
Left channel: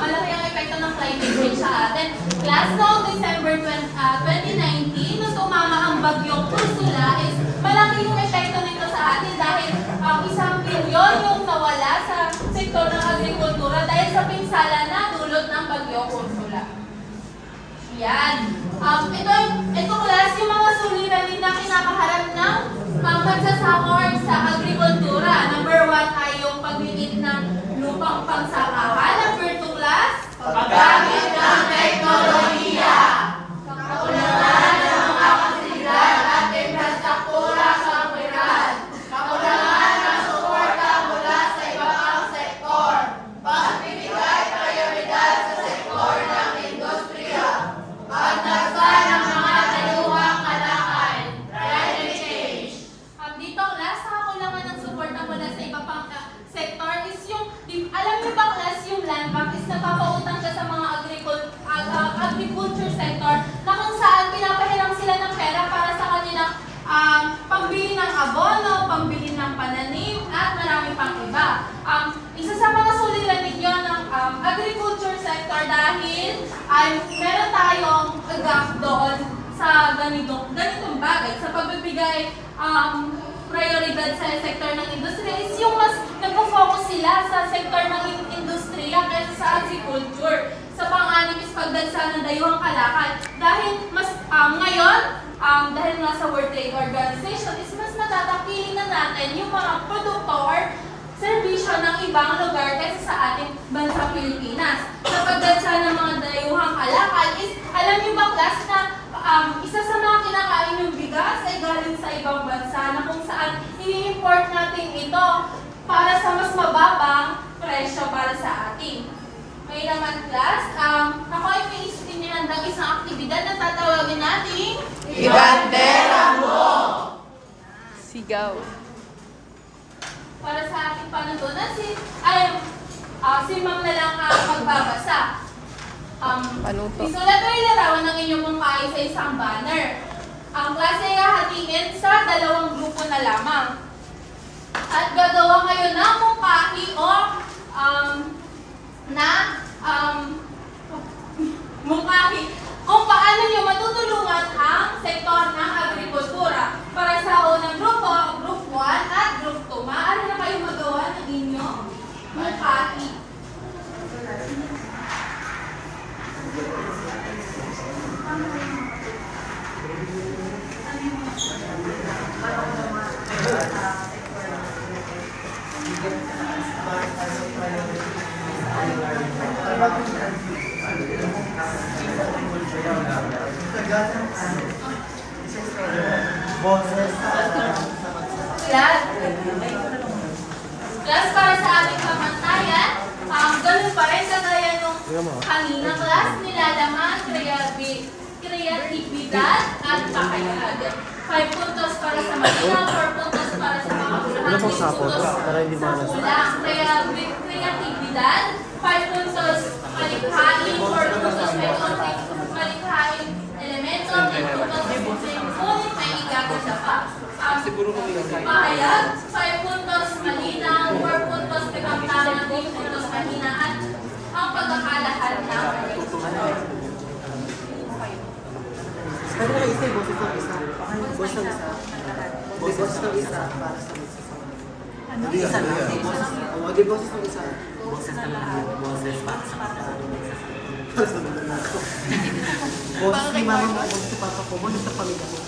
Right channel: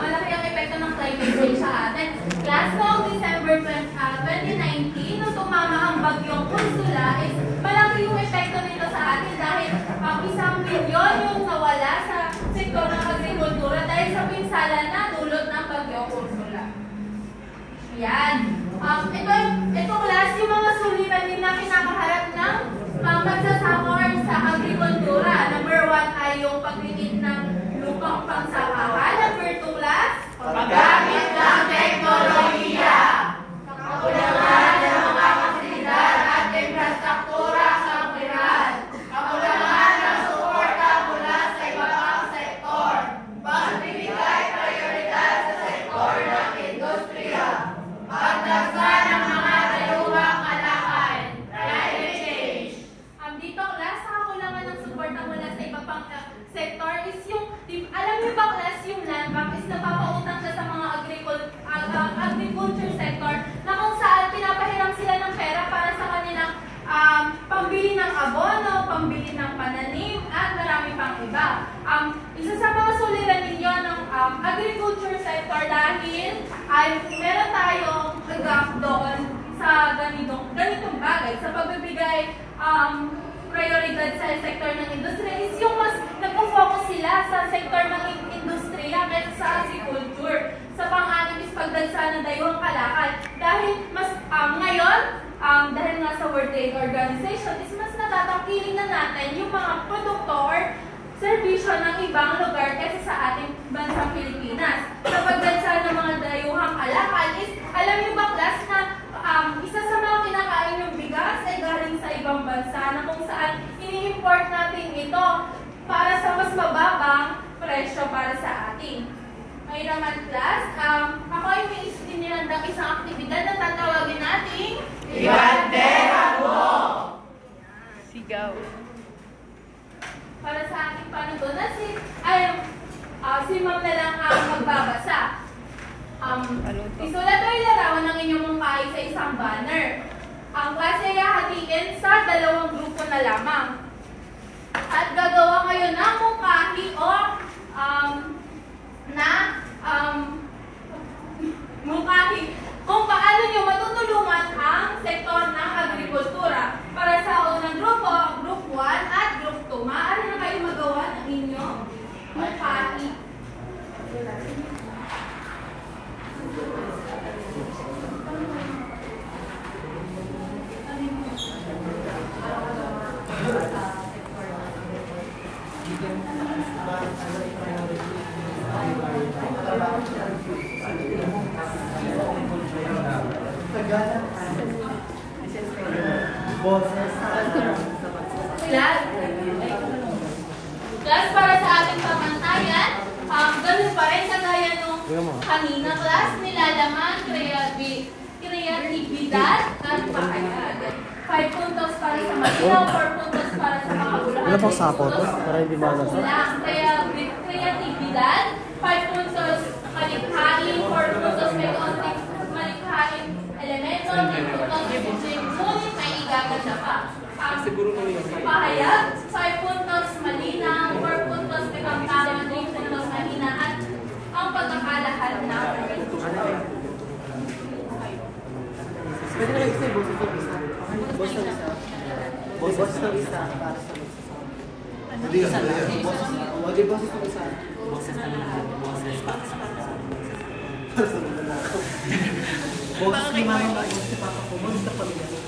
Malaki ang epekto ng climate change sa atin. Last noong December 2019, nung tumama ang bagyong Ursula, is malaki yung epekto nito sa atin dahil 1 bilyon pinsala na dulot ng Bagyo Ursula. Yan. Ito class, yung mga suliranin na kinakaharap ng pagsasakor sa agrikultura. Number 1 ay yung paglilit ng lupang pangsakahan. Number 2 class, paggamit ng teknolohiya. Kakulangan ng mga fasilidad at infrastruktura sa komunidad. Kakulangan ng suporta mula sa iba pang sektor. Pagbibigay prioridad sa sektor ng industriya. Pagdagdag ng mga dayuhang kalakal. Climate change. Dito class, kakulangan ng suporta mula sa iba pang sektor is yung, alam niyo ba class, yung land bank is napapautang siya sa mga agriculture sector na kung saan pinapahiram sila ng pera para sa kanilang pambili ng abono, pambili ng pananim, at marami pang iba. Isa sa mga suliranin ninyo ng agriculture sector dahil ay meron tayong gap doon sa ganitong bagay, sa pagbibigay prioridad sa sektor ng industriya is yung mas nagpo-focus sila sa sektor ng industriya kaysa sa agriculture. Sa pang-anim is pagdagsa ng dayuhang kalakal. Dahil mas ngayon, dahil nasa World Trade Organization is mas matatapiling na natin yung mga produkto or serbisyo ng ibang lugar kaysa sa ating bansang Pilipinas. Sa pagdagsa ng mga dayuhang kalakal is, alam niyo ba class na isa sa mga kinakain yung bigas ay galing sa ibang bansa na kung saan ini-import natin ito para sa mas mababang presyo para sa atin. Ngayon naman class, ako ay may inihandang isang aktibidad na tatawagin natin Ibandera Mo! Sigaw. Para sa ating panuntunan, si Ma'am na lang ang magbabasa. Isulat o ilarawan ng inyong mungkahi sa isang banner. Ang klase ay hahatiin sa 2 grupo na lamang. At gagawa kayo ng mungkahi o mungkahi kung paano nyo matutulungan ang sektor ng agrikultura. Para sa unang grupo, Group 1 at Group 2, maaari na kayo magawa ng inyong mungkahi. Class, para sa ating pamantayan, ganun pa rin kagaya nung kanina class, nilalaman, kreatibidad at pakayag. 5 puntos para sa Manila, 4 puntos para sa makabulahan, 3 puntos sa kulang. Kreatibidad, 5 puntos malikhain, 4 puntos may konting malikhain elemento, 3 puntos ngunit may igaganda pa. Pahayag, 5 puntos malinaw, 4 puntos pagkamtaman, 3 puntos mahina, at ang pagkakalahad ng Pwede na isa, boss ito isa. Boss ng isa. Boss ng isa para sa isa. Hindi isa na. Huwag yung boss ng isa. Boses na lahat. Boses para sa Boses ni mama mo, boses ni papa ko, boses sa pamilya mo.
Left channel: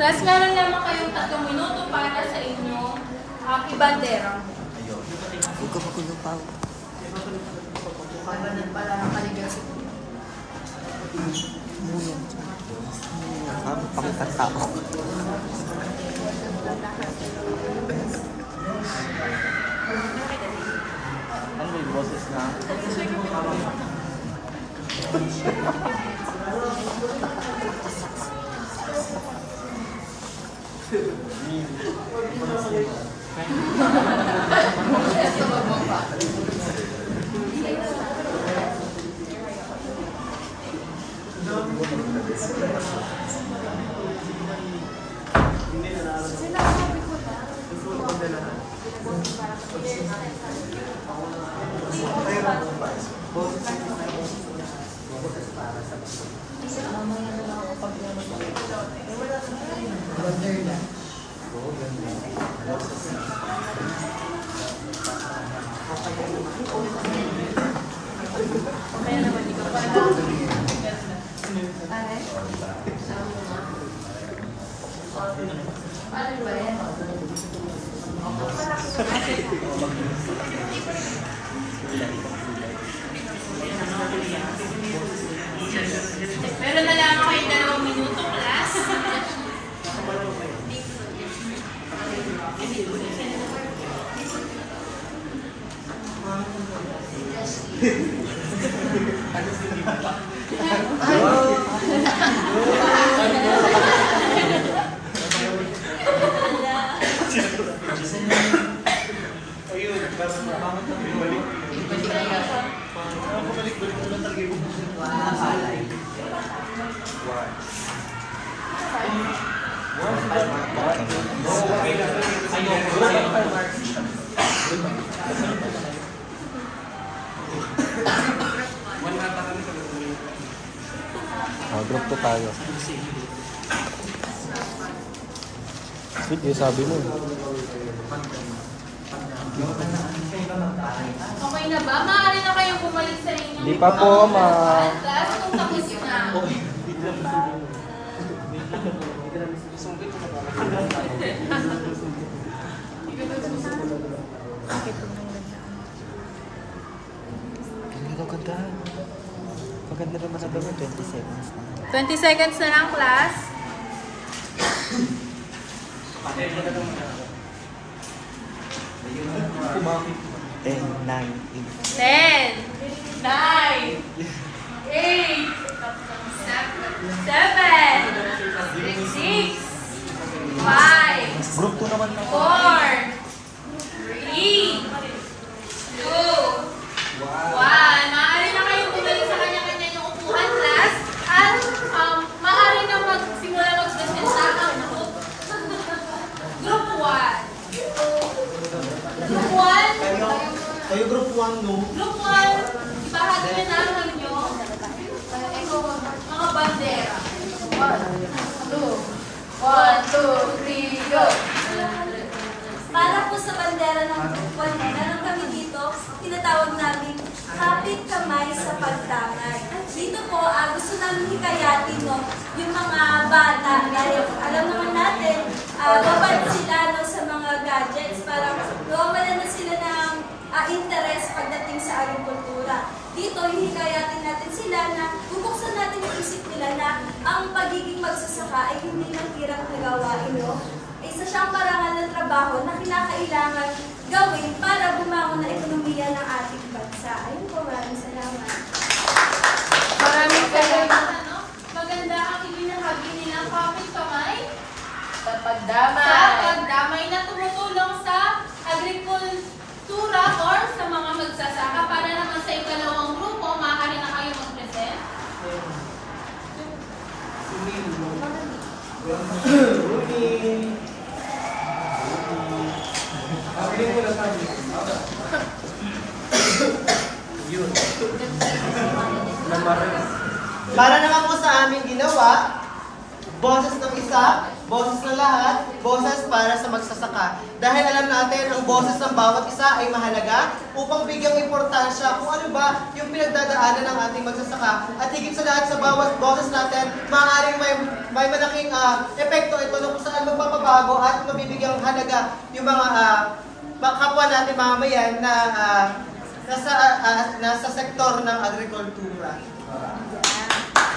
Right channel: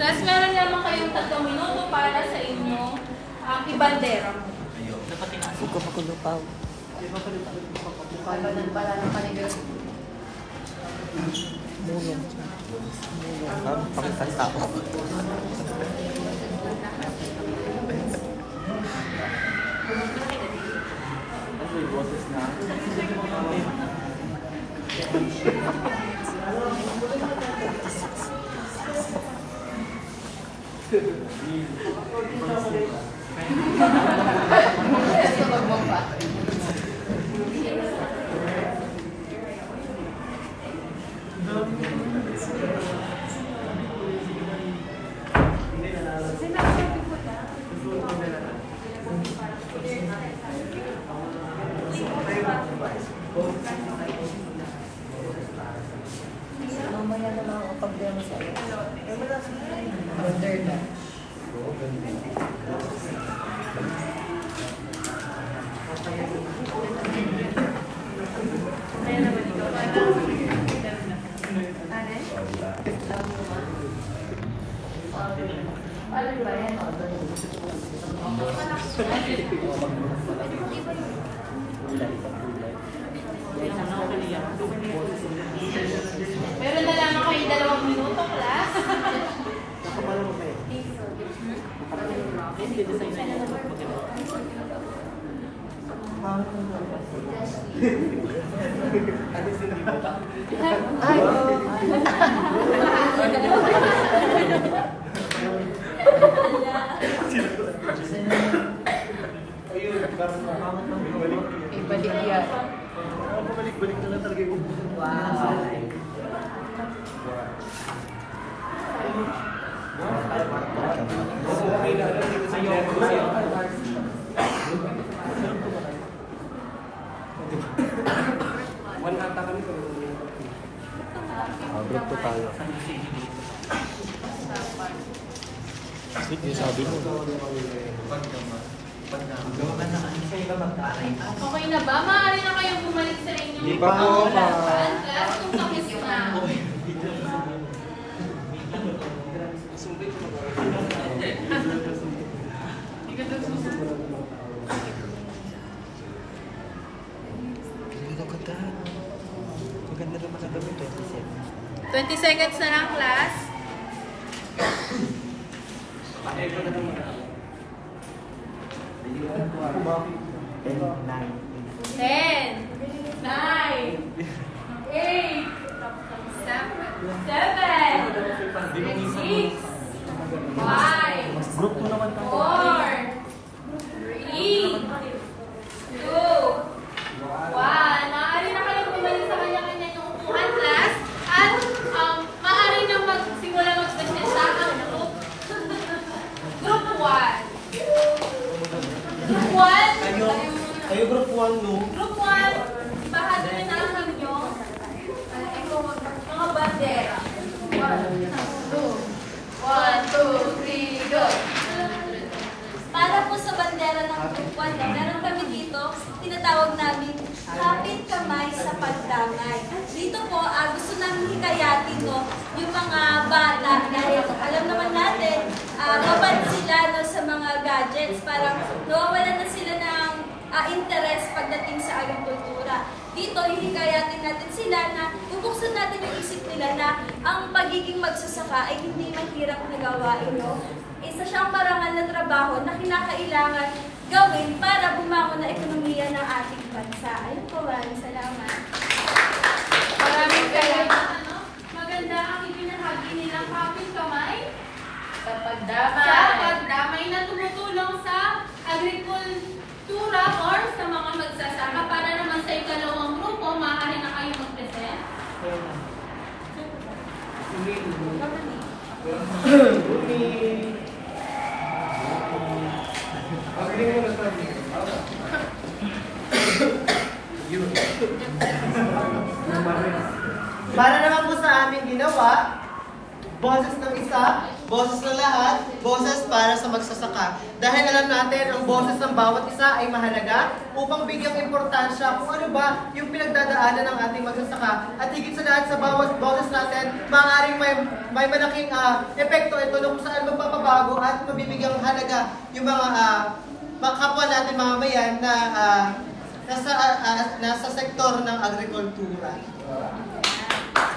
Tapos meron lamang kayong 3 minuto para sa inyong ibandera. Huwag ka makulupaw. Mulong. Mulong. Pangkatao. Ano yung boses na? Moderna. Ano ba yan? Meron na lang ako yung 2 minuto, class. Balik na lang talaga yung Magluto tayo. Sige, sabi mo. Okay na ba? Maaari na kayong bumalik sa inyong Hindi pa po, ma. Class, kung tapos na. Maganda rin kasi dami 20 seconds na. 20 seconds na lang, class. 10, 9, 8. 10, 9, 8, 7, 6, 5, 4, 3, 2, 1. Maaari na kayong bumalik sa kanya-kanya yung upuan, class. At maaari na magsimula mag-presenta ang group. Group 1. Group 1. Kayo group 1, no? Group 1. Ibahagi nyo na ang inyong mga bandera. 1, 2, 3, go! Para po sa bandera ng Group 1, meron kami dito, tinatawag namin kapit kamay sa pagdangay. Dito po, gusto namin hikayatin yung mga bata dahil alam naman natin, babad sila sa mga gadgets. Parang nawawalan na sila ng interest pagdating sa agrikultura. Dito, hihikayatin natin sila na bubuksan natin yung isip nila na ang pagiging magsasaka ay hindi mahirap na gawain, no? Isa siyang parangal na trabaho na kinakailangan gawin para bumangon na ekonomiya ng ating bansa. Ayun po, maraming salamat. Maraming salamat. Maganda ang ibinahagi nilang kapit kamay Sa pagdamay. sa pagdamay na tumutulong sa agrikultura or sa mga magsasaka. Para naman sa ikalawang grupo, maaari na kayo mag-present. Para naman po sa aming ginawa, boses ng isa, boses ng lahat, boses para sa magsasaka. Dahil alam natin, ang boses ng bawat isa ay mahalaga upang bigyang importansya kung ano ba yung pinagdadaanan ng ating magsasaka. At higit sa lahat sa bawat boses natin, maaaring may malaking epekto ito kung saan magpapabago at mabibigyang halaga yung mga kapwa natin mamamayan na nasa sektor ng agrikultura.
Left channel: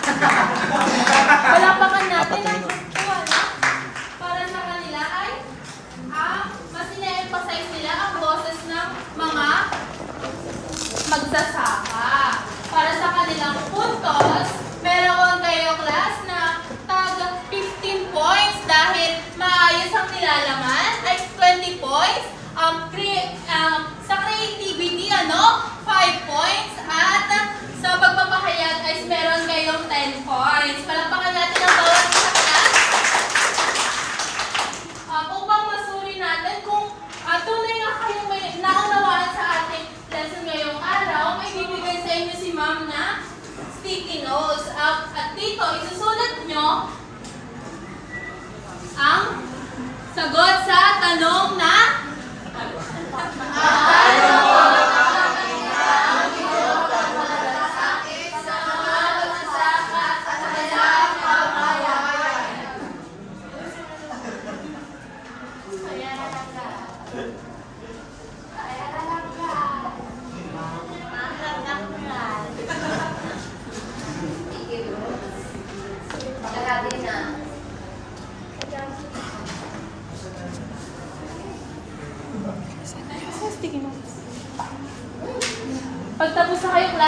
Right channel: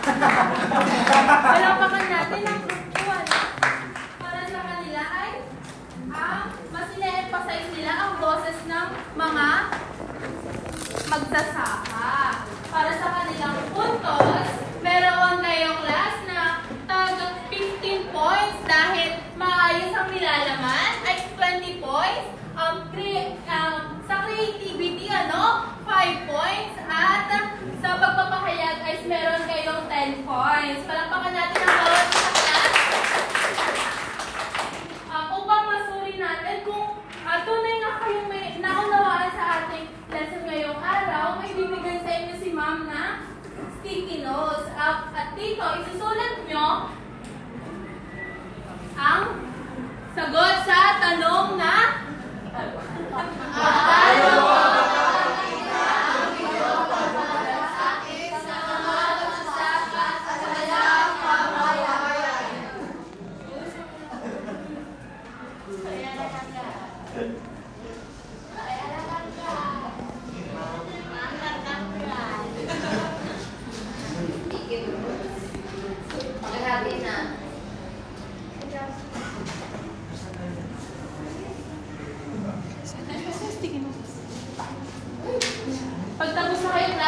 Palapakan natin ang para sa kanila ay mas ina-emphasize nila ang boses ng mga magsasaka. Para sa kanilang puntos, meron kayo class na tagang 15 points dahil maayos ang nilalaman ay 20 points. Sa creativity, 5 points. At sa pagpapahayag guys, meron kayong 10 points.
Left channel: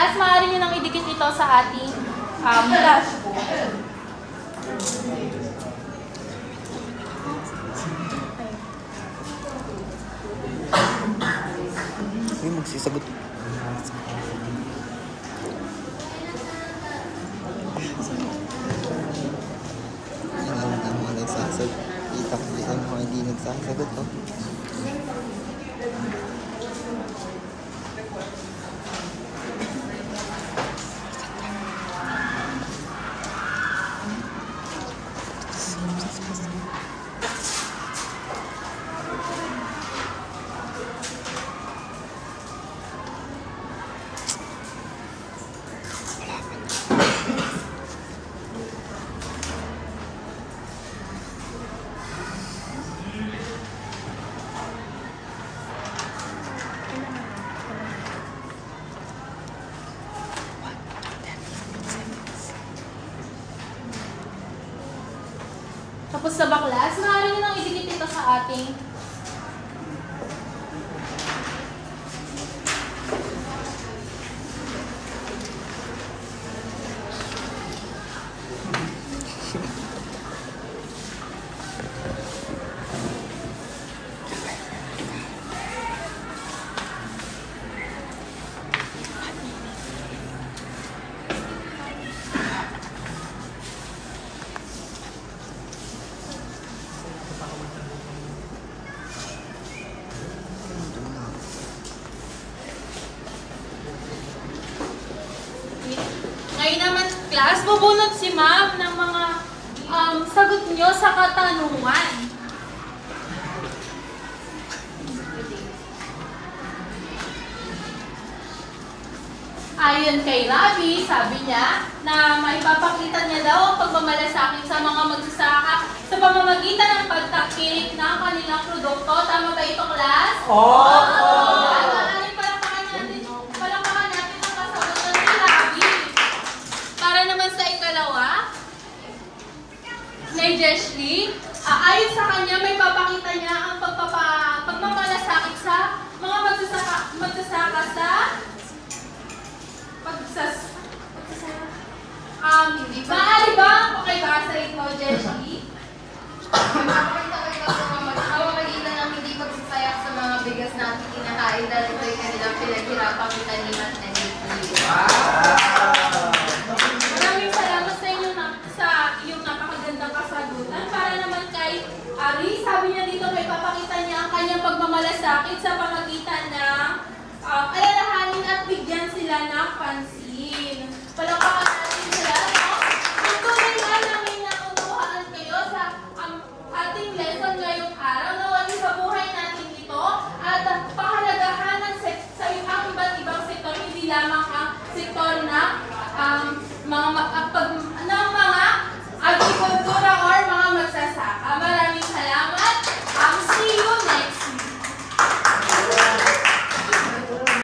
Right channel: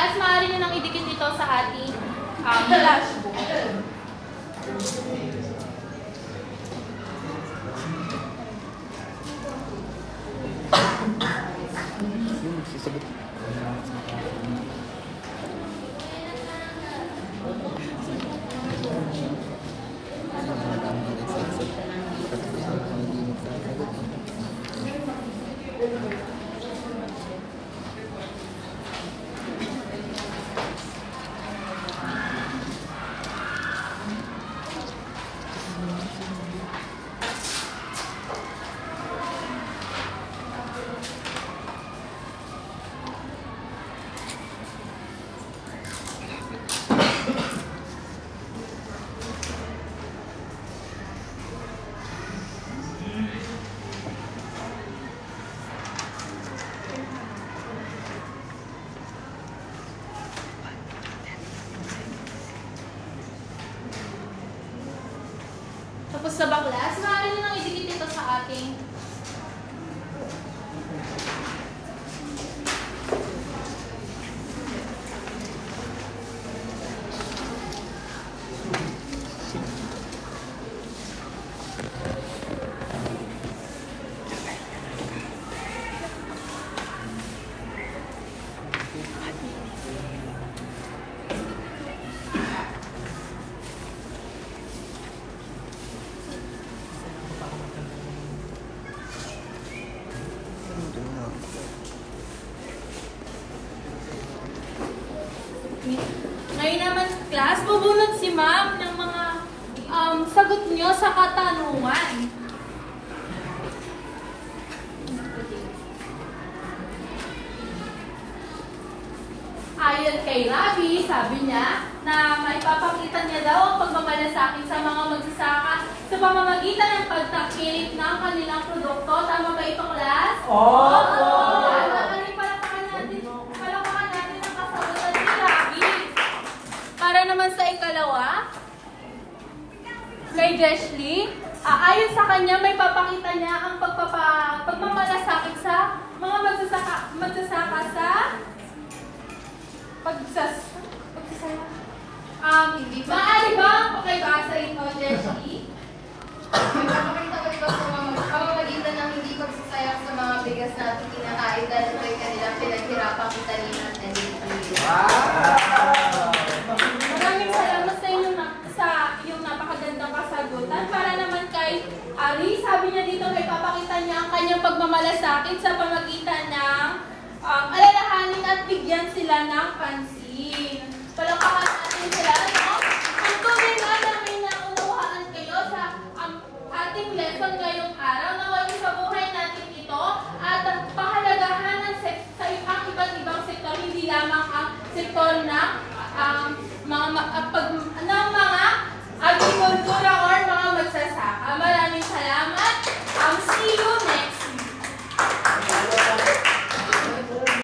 class, maaari nyo nang idikit ito sa ating dashboard. Yung magsisagot. Hindi nagsasagot to. Tapos sa baklas, maaari nyo nang idikit ito sa ating ngayon naman, class, bubunot si ma'am ng mga sagot nyo sa katanungan. Ayon kay Ravi, sabi niya na maipapakita niya daw ang pagmamalasakit sa mga magsasaka sa pamamagitan ng pagtakilik ng kanilang produkto. Tama ba ito, class? Oo! Palakpakan natin ang kasagutan ni Ravi. Para naman sa ikalawa, kay Jeshley, ayon sa kanya, may papakita niya ang pagmamalasakit sa mga magsasaka sa maaari ba okay ba sa ikaw, Jessie? Magpapakita ko ito sa mga pamamagitan ng hindi pagsasayang sa mga bigas natin kinahain dahil ito ay kanilang pinaghirapang itaniman na nilipuli. Maraming salamat sa iyong napakagandang kasagutan. Para naman kay Ari, sabi niya dito may papakita niya ang kanyang pagmamalasakit sa pamagitan ng alalahanin at bigyan sila ng pansin. Palakpakan